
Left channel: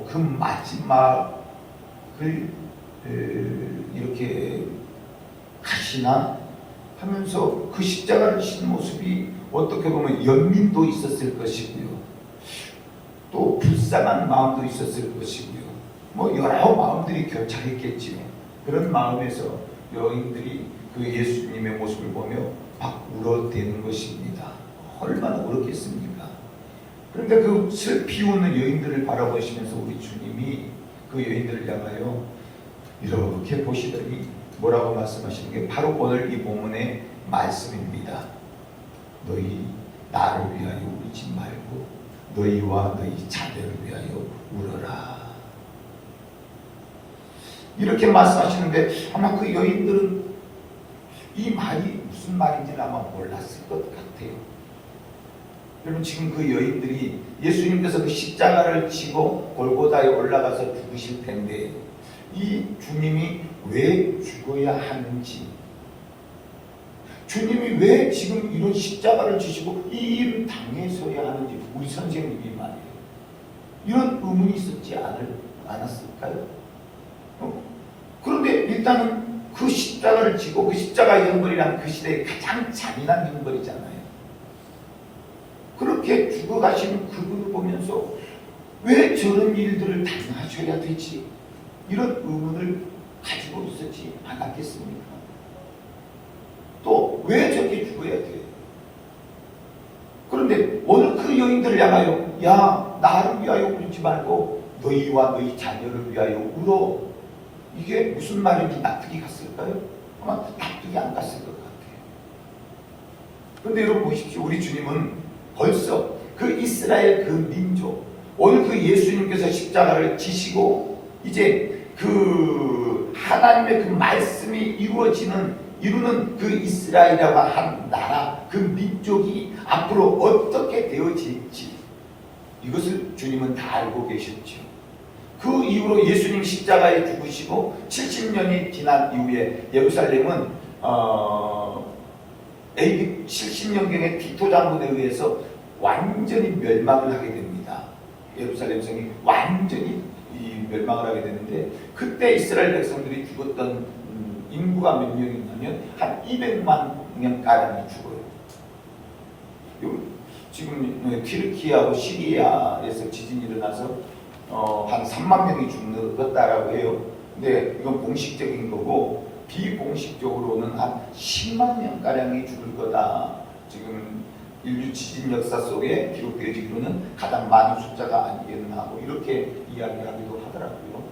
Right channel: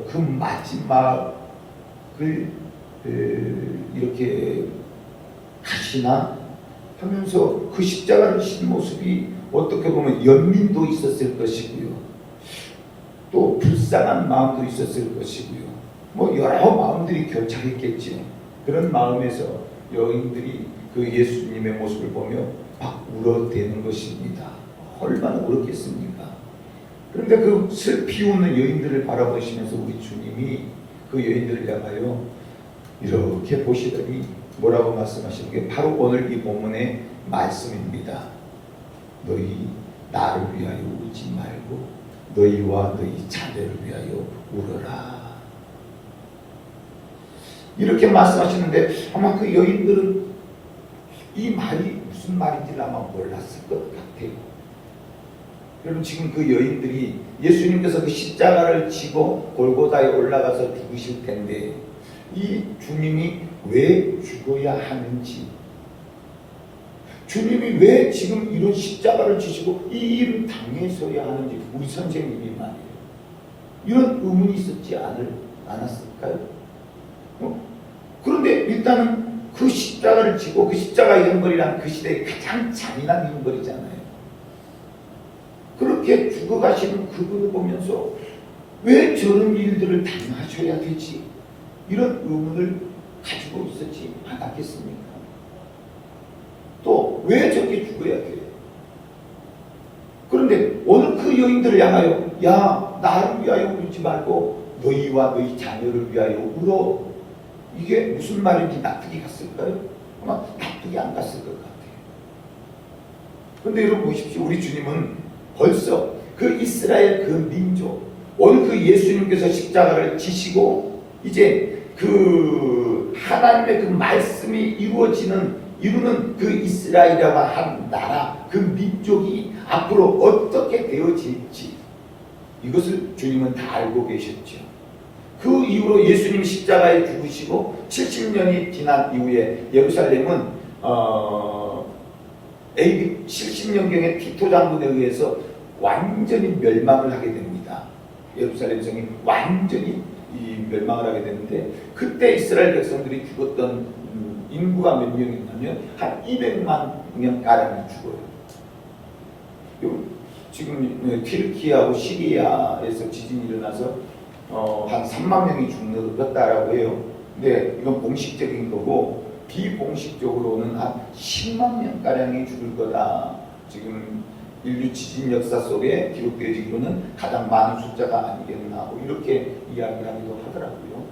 그 마지막을 이렇게 가시나 하면서 그 십자가를 지는 모습이 어떻게 보면 연민도 있었을 것이고요. 또 불쌍한 마음도 있었을 것이고요. 뭐 여러 마음들이 교차했겠지. 그런 마음에서 여인들이 그 예수님의 모습을 보며 막 울어대는 것입니다. 얼마나 울었겠습니까? 그런데 그 슬피 우는 여인들을 바라보시면서 우리 주님이 그 여인들을 향하여 이렇게 보시더니 뭐라고 말씀하시는 게 바로 오늘 이 본문의 말씀입니다. 너희 나를 위하여 울지 말고 너희와 너희 자녀를 위하여 울어라. 이렇게 말씀하시는데 아마 그 여인들은 이 말이 무슨 말인지 아마 몰랐을 것 같아요. 여러분 지금 그 여인들이 예수님께서 그 십자가를 지고 골고다에 올라가서 죽으실 텐데 이 주님이 왜 죽어야 하는지, 주님이 왜 지금 이런 십자가를 지시고 이 일을 당해서야 하는지 우리 선생님이 말이에요. 이런 의문이 있었지 않았을까요? 그런데 일단은 그 십자가를 지고 그 십자가 형벌이란 그 시대의 가장 잔인한 형벌이잖아요. 그렇게 죽어가시는 그분을 보면서 왜 저런 일들을 당하셔야 되지? 이런 의문을 가지고 있었지 않았겠습니까? 또 왜 저렇게 죽어야 돼? 그런데 오늘 그 여인들을 향하여 야 나를 위하여 울지 말고 너희와 너희 자녀를 위하여 울어. 이게 무슨 말인지 납득이 갔을까요? 아마 납득이 안 갔을 것 같아요. 그런데 여러분 보십시오. 우리 주님은 벌써 그 이스라엘 그 민족, 오늘 그 예수님께서 십자가를 지시고 이제 그 하나님의 그 말씀이 이루는 그 이스라엘이라고 한 나라, 그 민족이 앞으로 어떻게 되어질지 이것을 주님은 다 알고 계셨죠. 그 이후로 예수님 십자가에 죽으시고 70년이 지난 이후에 예루살렘은 AD 70년경에 티토 장군에 의해서 완전히 멸망을 하게 됩니다. 예루살렘 성이 완전히 멸망을 하게 되는데 그때 이스라엘 백성들이 죽었던 인구가 몇 명이냐면 한 200만 명가량이 죽어요. 지금 튀르키하고 시리아에서 지진이 일어나서 한 3만 명이 죽었다라고 해요. 근데 이건 공식적인 거고 비공식적으로는 한 10만 명가량이 죽을 거다. 지금 인류 지진 역사 속에 기록되어지기로는 가장 많은 숫자가 아니겠나 뭐 이렇게 이야기하기도 하더라고요.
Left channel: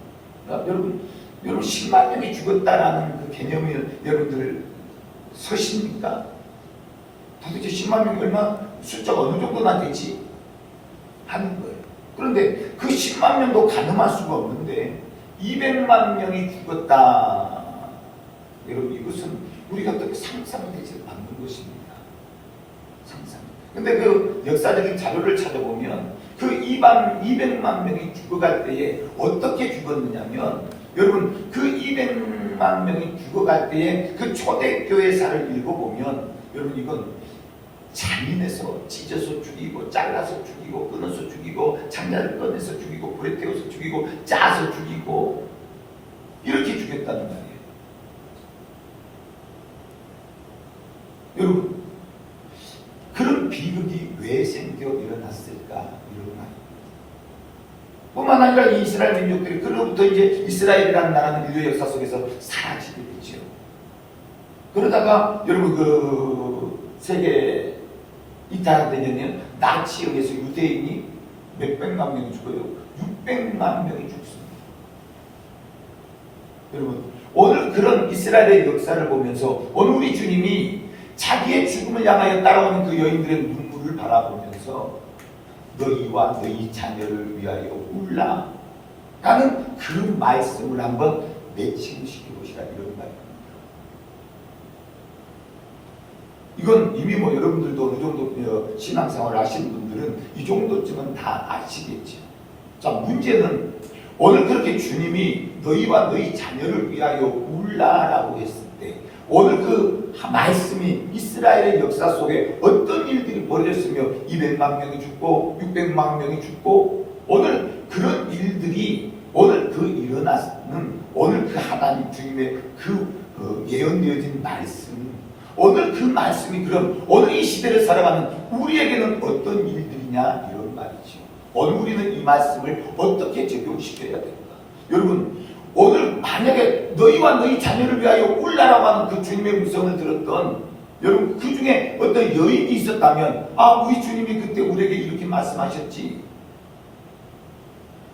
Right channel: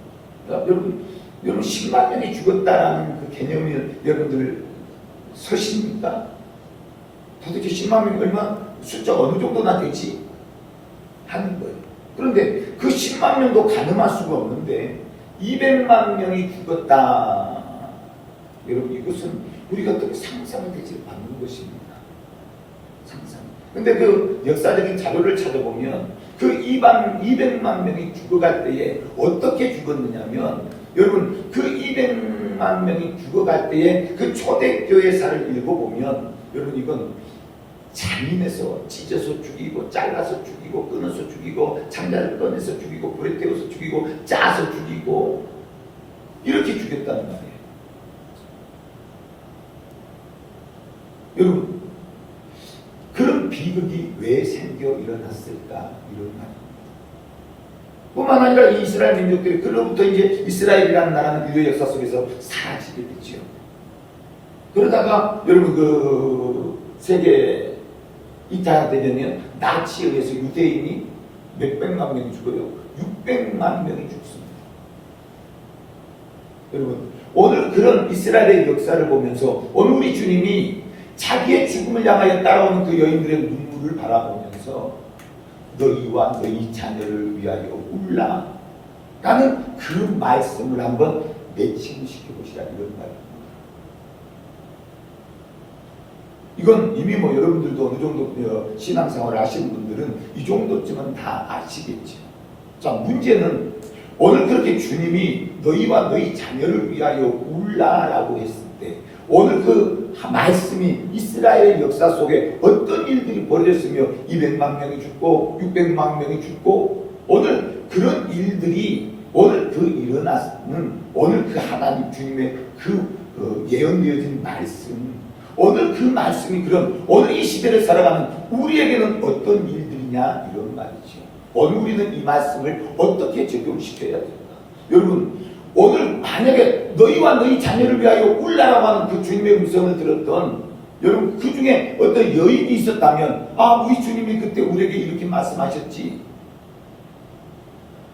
그러니까 여러분 10만 명이 죽었다라는 그 개념을 여러분들 서십니까? 도대체 10만 명이 얼마 숫자가 어느 정도나 되지? 하는 거예요. 그런데 그 10만 명도 가늠할 수가 없는데 200만 명이 죽었다. 여러분 이것은 우리가 상상이 되지 않는 것입니다. 상상. 근데 그 역사적인 자료를 찾아보면 그 200만 명이 죽어갈 때에 어떻게 죽었느냐면 여러분 그 200만 명이 죽어갈 때에 그 초대교회사를 읽어보면 여러분 이건 잔인해서 찢어서 죽이고 잘라서 죽이고 끊어서 죽이고 창자를 꺼내서 죽이고 불에 태워서 죽이고 짜서 죽이고 이렇게 죽였다는 말이에요. 여러분 그런 비극이 왜 생겨 일어났을까 이런 말입니다. 뿐만 아니라 이 이스라엘 민족들이 그로부터 이제 이스라엘이라는 나라는 인류 역사 속에서 사라지게 되죠. 그러다가 여러분 그 세계 2차 대전에 나치에 의해서 유대인이 몇백만 명이 죽어도 600만 명이 죽습니다. 여러분 오늘 그런 이스라엘의 역사를 보면서 오늘 우리 주님이 자기의 죽음을 향하여 따라오는 그 여인들의 눈물을 바라보면서 너희와 너희 자녀를 위하여 울라. 나는 그 말씀을 한번 매칭을 시켜보시라 이런 말입니다. 이건 이미 뭐 여러분들도 어느 정도 신앙생활을 하시는 분들은 이 정도쯤은 다 아시겠죠. 자, 문제는 오늘 그렇게 주님이 너희와 너희 자녀를 위하여 울라라고 했을 때 오늘 그 말씀이 이스라엘 역사 속에 어떤 일들이 벌어졌으며 200만 명이 죽고 600만 명이 죽고 오늘 그런 일들이 오늘 그 일어나는 오늘 그 하나님 주님의 그 예언되어진 말씀 오늘 그 말씀이 그럼 오늘 이 시대를 살아가는 우리에게는 어떤 일들이냐 이런 말이죠. 오늘 우리는 이 말씀을 어떻게 적용시켜야 됩니까? 여러분 오늘 만약에 너희와 너희 자녀를 위하여 울라라고 하는 그 주님의 음성을 들었던 여러분 그 중에 어떤 여인이 있었다면 우리 주님이 그때 우리에게 이렇게 말씀하셨지.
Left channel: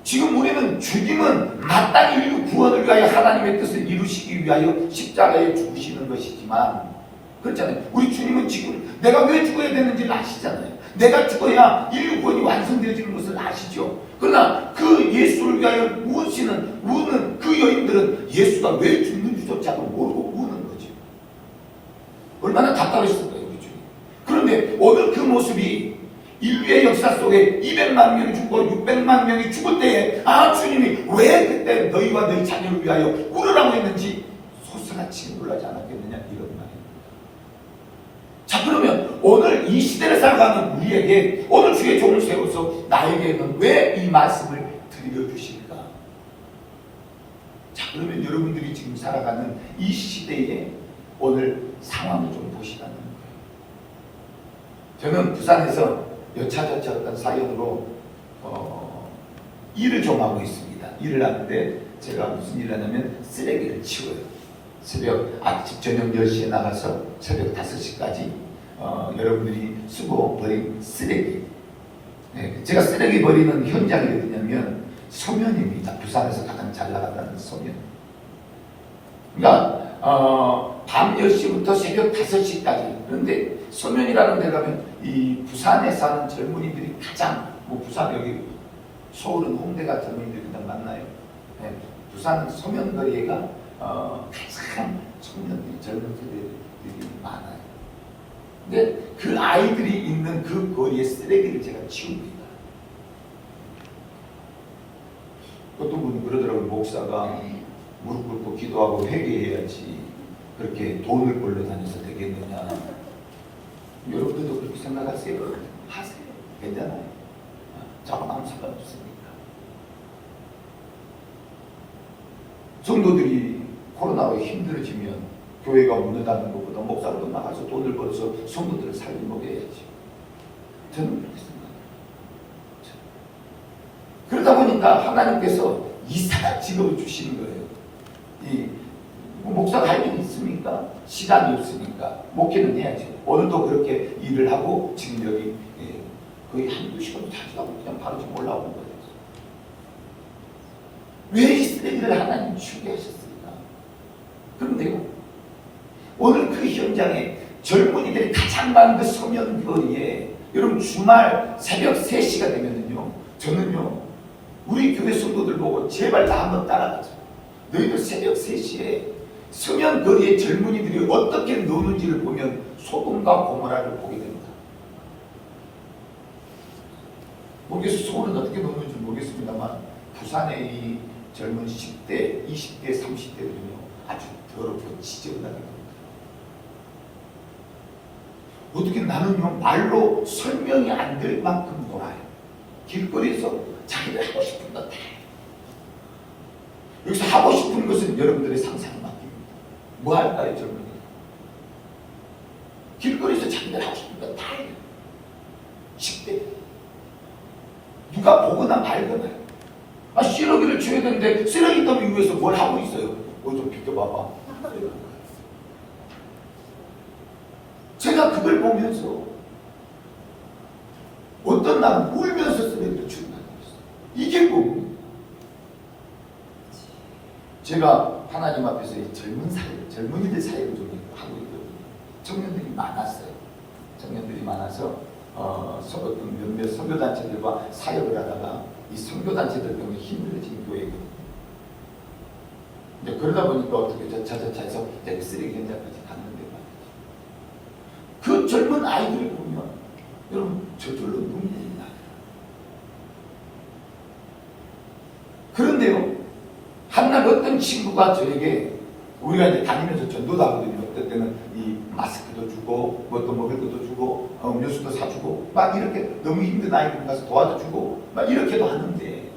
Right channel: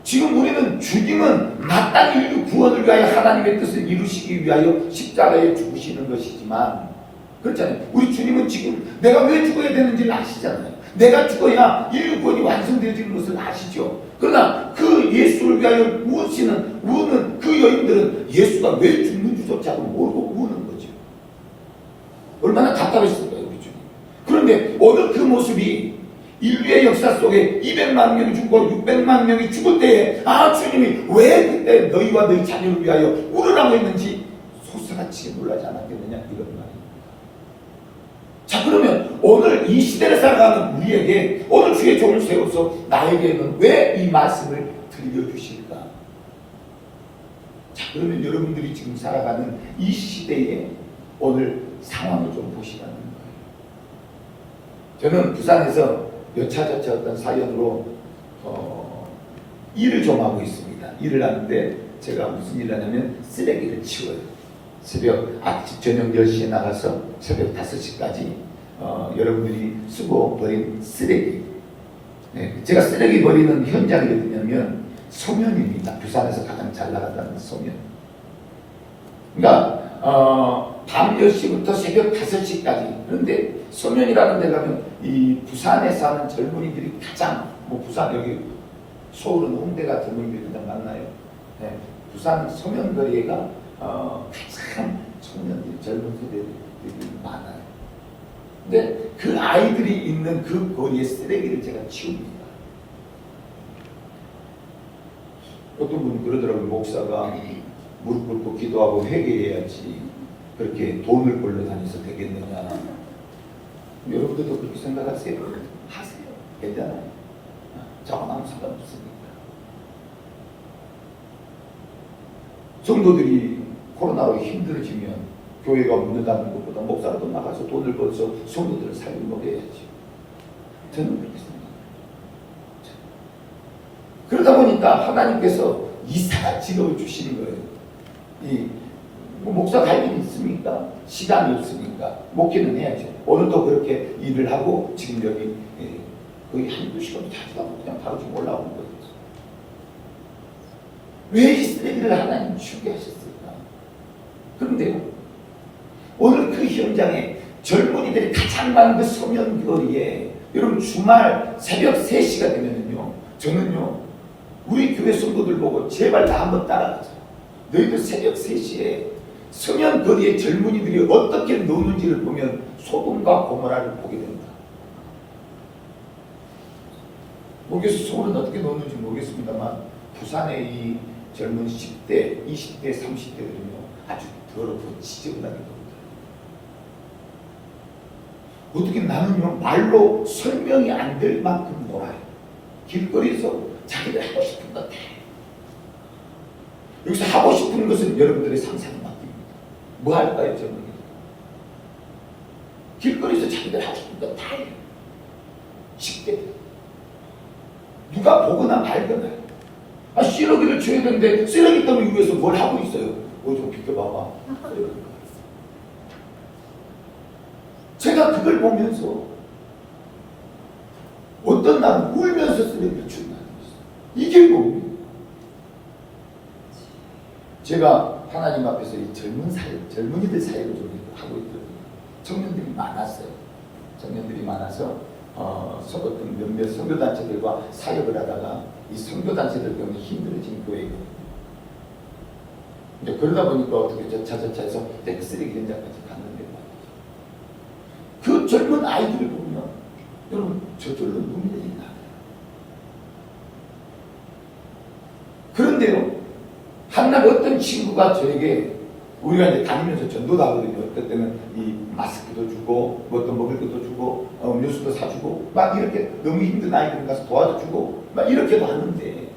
지금 우리는 죽임은 마땅히 인류 구원을 위하여 하나님의 뜻을 이루시기 위하여 십자가에 죽으시는 것이지만 그렇잖아요. 우리 주님은 지금 내가 왜 죽어야 되는지를 아시잖아요. 내가 죽어야 인류 구원이 완성되어지는 것을 아시죠. 그러나 그 예수를 위하여 우는 그 여인들은 예수가 왜 죽는지조차도 모르고 우는 거죠. 얼마나 답답했을까요, 우리 주님. 그런데 오늘 그 모습이 인류의 역사 속에 200만 명이 죽고 600만 명이 죽을 때에 주님이 왜 그때 너희와 너희 자녀를 위하여 울으라고 했는지 소스라치게 놀라지 않았겠느냐 이런 말입니다. 자, 그러면 오늘 이 시대를 살아가는 우리에게 오늘 주의 종을 세워서 나에게는 왜 이 말씀을 들려주실까? 자, 그러면 여러분들이 지금 살아가는 이 시대에 오늘 상황을 좀 보시라는 거예요. 저는 부산에서 여차저차 어떤 사연으로 일을 좀 하고 있습니다. 일을 하는데 제가 무슨 일을 하냐면 쓰레기를 치워요. 아침 저녁 10시에 나가서 새벽 5시까지 여러분들이 쓰고 버린 쓰레기. 네, 제가 쓰레기 버리는 현장이 어디냐면 소면입니다. 부산에서 가장 잘 나가는 소면. 그러니까 밤 10시부터 새벽 5시까지. 그런데 소면이라는 데 가면 이 부산에 사는 젊은이들이 가장 부산 여기 서울은 홍대가 젊은이들이 그냥 만나요. 네, 부산 소면거리가 가장 청년들이 젊은 세대들이 많아요. 근데 그 아이들이 있는 그 거리에 쓰레기를 제가 치웁니다. 어떤 분은 그러더라고요. 목사가 무릎 꿇고 기도하고 회개해야지 그렇게 돈을 벌러 다녀서 되겠느냐. 여러분들도 그렇게 생각하세요? 하세요. 괜찮아요. 저하고 아무 상관없습니다. 성도들이 코로나로 힘들어지면 교회가 묻는다는 것보다 목사라도 나가서 돈을 벌어서 성도들을 살게 먹여야지. 저는 그렇게 생각합니다. 그러다 보니까 하나님께서 이사야 직업을 주시는 거예요. 목사가 할 일이 있습니까? 시간이 없으니까 목회는 해야죠. 오늘도 그렇게 일을 하고 지금 여기 거의 한두 시간 자주하고 그냥 바로 지금 올라온 거예요. 왜 이 쓰레기를 하나님 주게 하셨을까? 그런데요, 오늘 그 현장에 젊은이들이 가장 많은 그 소면거리에 여러분 주말 새벽 3시가 되면은요, 저는요 우리 교회 성도들 보고 제발 다 한번 따라가자. 너희들 새벽 3시에 서면거리의 젊은이들이 어떻게 노는지를 보면 소돔과 고모라를 보게 됩니다. 모르겠어요. 서울은 어떻게 노는지 모르겠습니다만 부산의 이 젊은 10대, 20대, 30대들은요 아주 더럽고 지저분하게 됩니다. 어떻게 나는요 말로 설명이 안 될 만큼 놀아요. 길거리에서 자기들 하고 싶은 것 다 해요. 여기서 하고 싶은 것은 여러분들의 상상에 맡깁니다. 뭐 할까요, 젊은이? 길거리에서 자기들 하고 싶은 것 다 해요. 10대 누가 보거나 말거나 쓰레기를 줘야 되는데 쓰레기 더미 위해서 뭘 하고 있어요? 좀 비켜봐봐. 제가 그걸 보면서 어떤 날은 울면서 쓰레기를 주는 거예요. 이게 뭡니까? 제가 하나님 앞에서 이 젊은이들 사역을 좀 하고 있거든요. 청년들이 많았어요. 청년들이 많아서 어떤 몇몇 선교단체들과 사역을 하다가 이 선교단체들 때문에 힘들어진 교회거든요. 근데 그러다 보니까 어떻게 저차저차해서 내가 쓰레기 현장까지 갔는데 말이죠. 그 젊은 아이들을 보면 여러분 저절로 눈물이 나요. 그런데요, 한날 어떤 친구가 저에게 우리가 이제 다니면서 전도도 하거든요. 어떨 때는 이 마스크도 주고 뭐 또 먹을 것도 주고 음료수도 사주고 막 이렇게 너무 힘든 아이들 가서 도와주고 막 이렇게도 하는데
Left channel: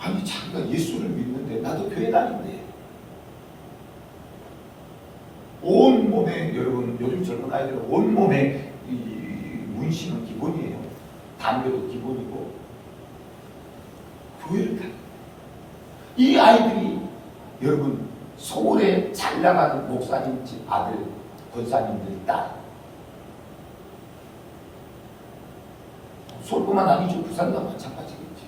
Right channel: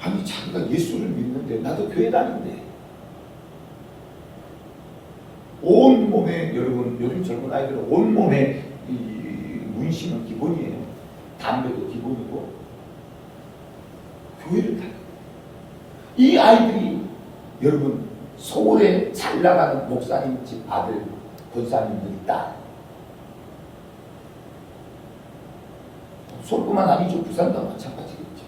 아니 자기가 예수를 믿는데 나도 교회 다니는데 온몸에 여러분 요즘 젊은 아이들은 온몸에 이 문신은 기본이에요. 담배도 기본이고 교회를 가. 목사님 집 아들, 권사님들 딸. 서울뿐만 아니죠. 부산도 마찬가지겠죠.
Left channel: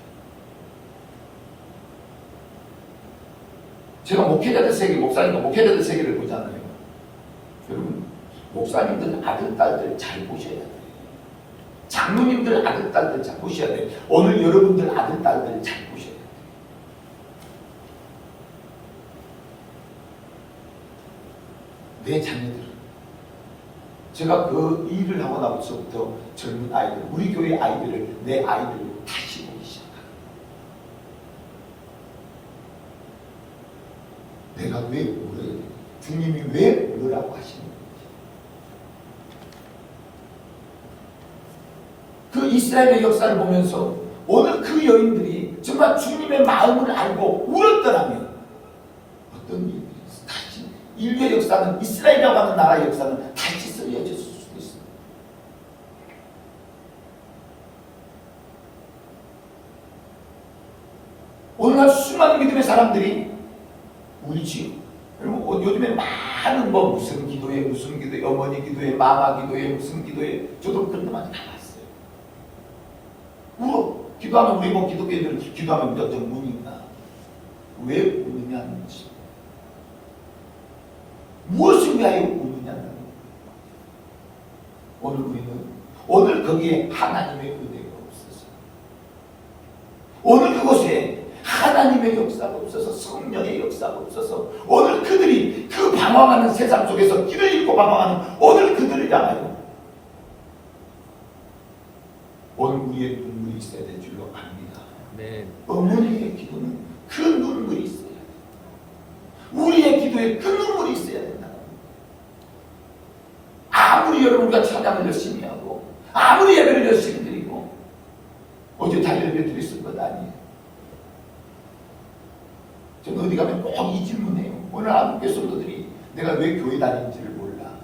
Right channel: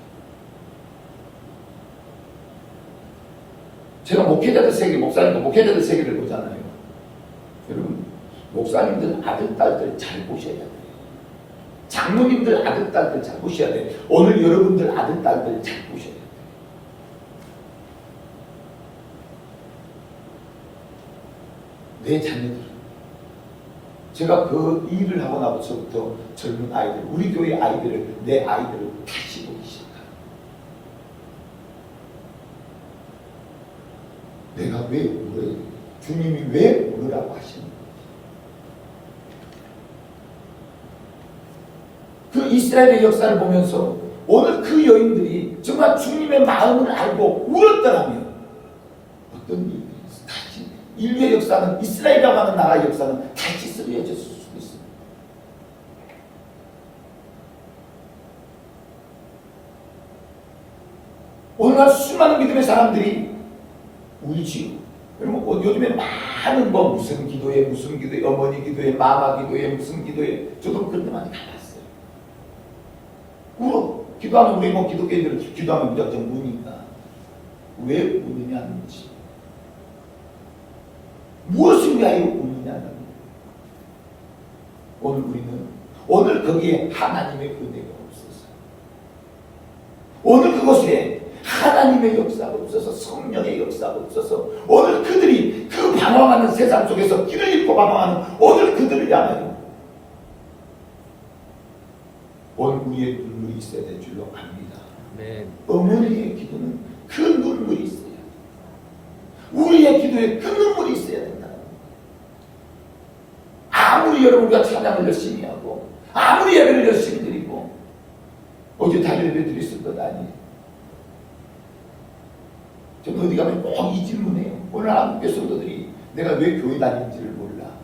제가 목회자들 세계, 목사님도 목회자들 세계를 보잖아요. 여러분, 목사님들 아들, 딸들 잘 보셔야 돼요. 장로님들 아들, 딸들 잘 보셔야 돼요. 오늘 여러분들 아들, 딸들 잘 보셔야 돼요. 내 자녀들은 제가 그 일을 하고 나서부터 젊은 아이들, 우리 교회 아이들을, 내 아이들을 다시 보기 시작합니다. 내가 왜 울어야 돼? 주님이 왜 울으라고 하시는 거지? 그 이스라엘의 역사를 보면서 오늘 그 여인들이 정말 주님의 마음을 알고 울었더라면 어떤 일이 다시 인류의 역사는, 이스라엘이라고 하는 나라의 역사는 다시 쓰여졌을 수도 있습니다. 오늘날 수많은 믿음의 사람들이 울지요. 여러분, 요즘에 많은 무슨 기도에, 어머니 기도에, 마마 기도에, 무슨 기도에, 저도 그런 데 많이 가봤어요. 울어. 기도하면 우리 기독교인들은 기도하면 우리가 좀 우니까. 왜 우느냐는 것이. 무엇을 위하여 우느냐는 것이. 오늘 우리는, 오늘 거기에 하나님의 은혜가 없어서, 오늘 그곳에 하나님의 역사가 없어서, 성령의 역사가 없어서, 오늘 그들이 그 방황하는 세상 속에서 길을 잃고 방황하는 오늘 그들을 향하여 오늘 우리의 눈물이 있어야 될 줄로 압니다. 네. 어머니의 기도는 그 눈물이 있어야 돼. 우리의 기도에 그 눈물이 있어야 된다는 겁니다. 아무리 여러분과 찬양을 열심히 하고, 아무리 예배를 열심히 드리고, 어제 달려를 드렸을 것 아니에요. 저는 어디 가면 꼭 이 질문해요. 오늘 한국교 성도들이 내가 왜 교회 다니는지를 몰라.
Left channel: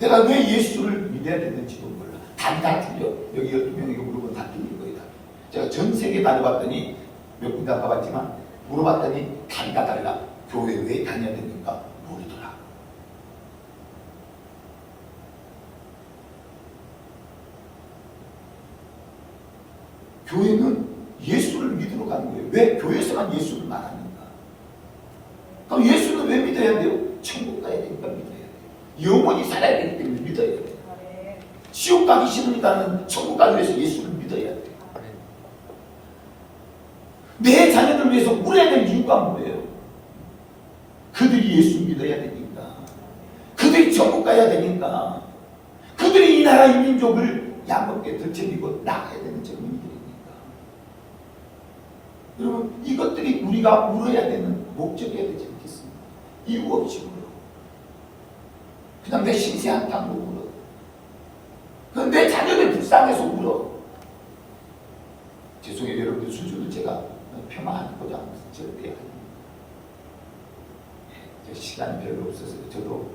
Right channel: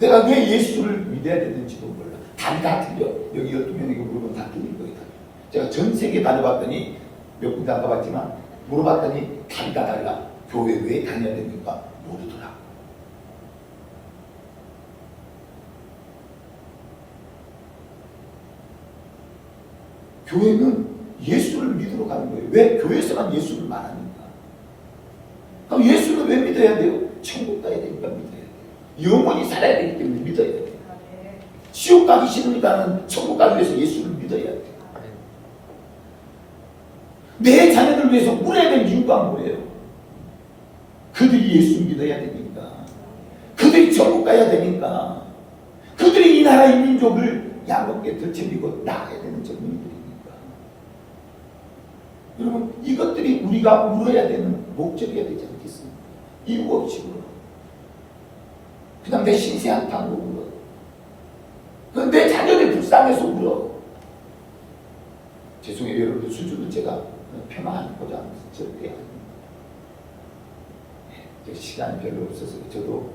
내가 왜 예수를 믿어야 되는지도 몰라. 다 틀려. 여기 12명이 물어보면 다 틀린 거예요. 제가 전 세계 다녀봤더니 몇 군데 안 가봤지만 물어봤더니 다 달라. 교회 왜 다녀야 됩니까? 모르더라. 교회는 예수를 믿으러 가는 거예요. 왜 교회에서만 예수를 말하는가? 그럼 예수는 왜 믿어야 돼요? 천국 가야 되니까 믿어야 돼요. 영원히 살아야 되기 때문에 믿어야 돼요. 지옥 가기 싫으니까는 천국 가기 위해서 예수를 믿어야 돼요. 내 자녀들 위해서 울어야 되는 이유가 뭐예요? 그들이 예수 믿어야 되니까, 그들이 천국 가야 되니까, 그들이 이 나라 이 민족을 양롭게 덜쳐리고 나가야 되는 젊은이들이니까. 여러분, 이것들이 우리가 울어야 되는 목적이어야 되지 않겠습니까? 이유 없이 울어. 그냥 내 신세 한탄으로 울어. 그건 내 자녀를 불쌍해서 울어. 죄송해요, 여러분들 수준을 제가 폄하하고자 합니다. 절대 아닙니다. 시간이 별로 없어서 저도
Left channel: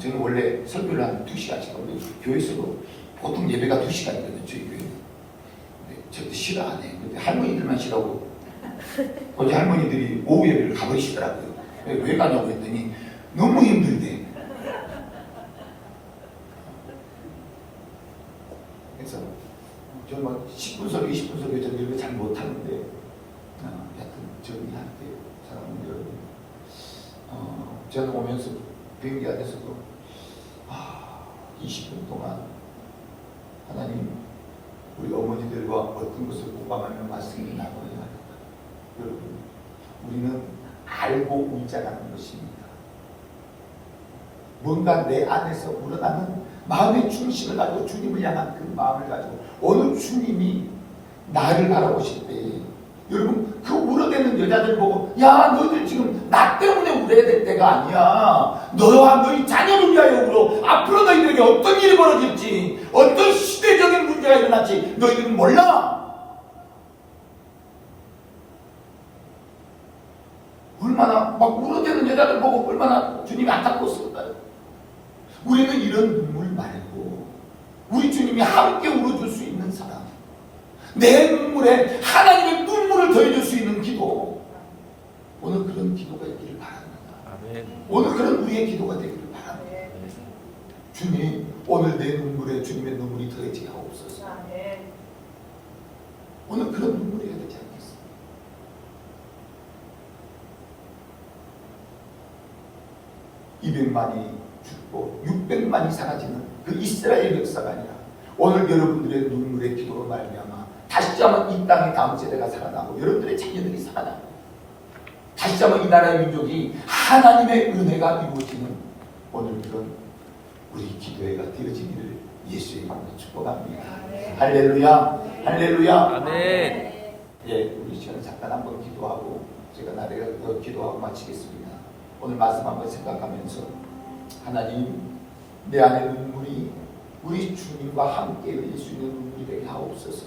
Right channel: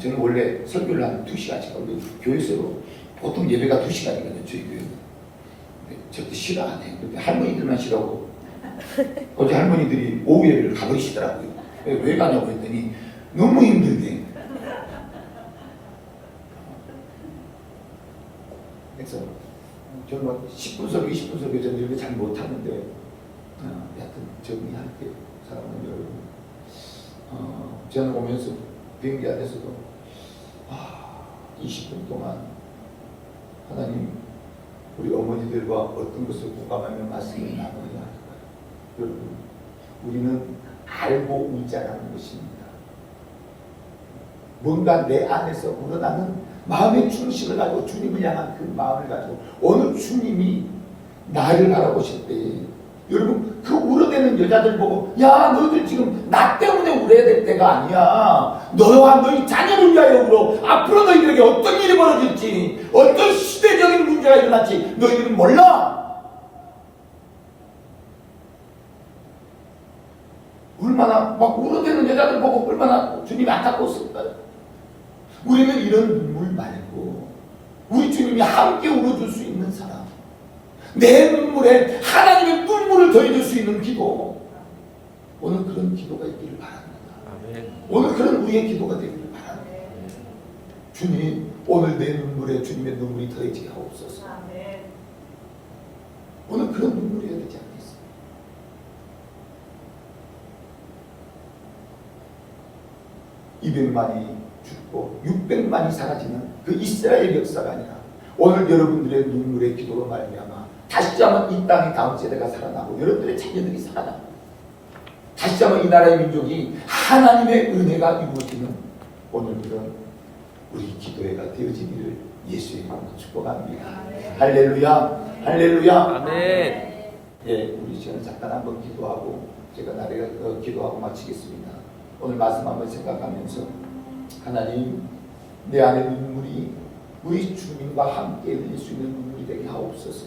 저는 원래 설교를 한 2시간씩 하고 교회에서도 보통 예배가 2시간이거든요. 저희 교회는. 저도 싫어 안 해요. 근데 할머니들만 싫어하고 어제 할머니들이 오후 예배를 가버리시더라고요. 왜 가냐고 했더니 너무 힘들대. 그래서 저는 10분 설교, 20분 설교 저는 이런 거 잘 못하는데 하여튼 정리할게요. 사랑하는 여러분. 저는 오면서 비행기 안에서도 20분 동안 하나님 우리 어머니들과 어떤 것을 공감하는 말씀을 나누냐. 여러분, 우리는 알고 울자라는 것입니다. 뭔가 내 안에서 우러나는 마음의 중심을 가지고 주님을 향한 그 마음을 가지고 오늘 주님이 나를 바라보실 때 여러분 그 울어대는 여자들 보고 야 너희들 지금 나 때문에 울어야 될 때가 아니야. 너와 너희 자녀를 위하여 울어. 앞으로 너희들에게 어떤 일이 벌어질지 어떤 시대적인 문제가 일어날지 너희들은 몰라. 얼마나 막 울어대는 여자들 보고 얼마나 주님이 안타까웠을까요? 우리는 이런 눈물 말고 우리 주님이 함께 울어줄 수 있는 사람, 내 눈물에 하나님의 눈물을 더해줄 수 있는 기도, 오늘 그런 기도가 있기를 바랍니다. 아멘. 오늘 그런 우리의 기도가 되기를 바랍니다. 아멘. 주님, 오늘 내 눈물에 주님의 눈물이 더해지게 하옵소서. 오늘 그런 눈물이 해야 되지 않겠습니까? 200만이 죽고 600만이 사라지는 그 이스라엘 역사가 아니라 오늘 여러분들의 눈물의 기도로 말미암아 다시 한번 이 땅의 다음 세대가 살아나고 여러분들의 자녀들이 살아나고 다시 한번 이 나라의 민족이 하나님의 은혜가 이루어지는 오늘 그런 우리 기도회가 되어지기를 예수의 이름으로 축복합니다. 할렐루야, 할렐루야. 아멘. 예, 우리 지금 잠깐 한번 기도하고 제가 나리가 기도하고 마치겠습니다. 오늘 말씀 한번 생각하면서 하나님, 내 안의 눈물이 우리 주님과 함께 흘릴 수 있는 눈물이 되게 하옵소서.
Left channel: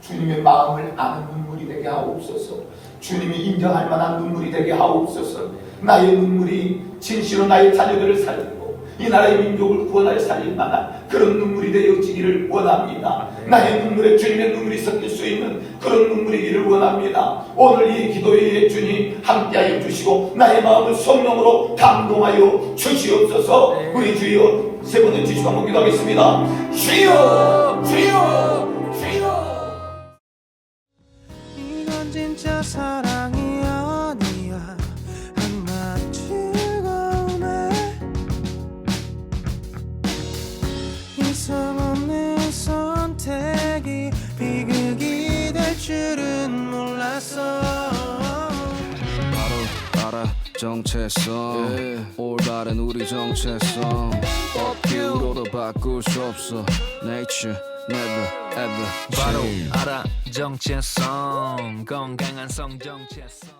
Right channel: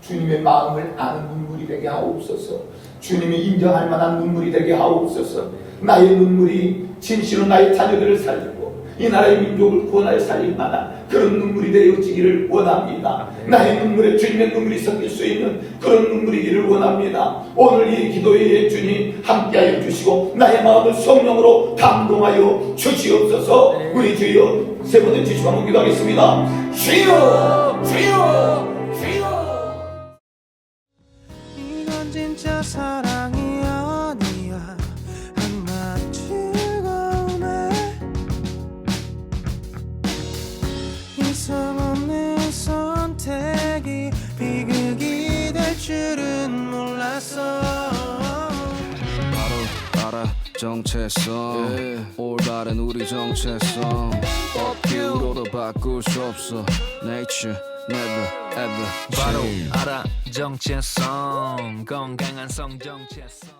주님의 마음을 아는 눈물이 되게 하옵소서. 주님이 인정할 만한 눈물이 되게 하옵소서. 나의 눈물이 진실로 나의 자녀들을 살리고 이 나라의 민족을 구원하여 살릴 만한 그런 눈물이 되어지기를 원합니다. 나의 눈물에 주님의 눈물이 섞일 수 있는 그런 눈물이기를 원합니다. 오늘 이 기도회에 주님 함께하여 주시고 나의 마음을 성령으로 감동하여 주시옵소서. 우리 주여 세 번째 주시고 한번 기도하겠습니다. 주여, 주여, 주여. 이건 진짜 사랑이 아니야. 한낱 즐거움에 이성 없는 선택이 비극이 될 줄은 몰랐어. 바로 알아 정체성 올바른 우리 정체성 업기로도 바꿀 수 없어 Nature never ever 바로 change. 알아 정체성 건강한 성 정체성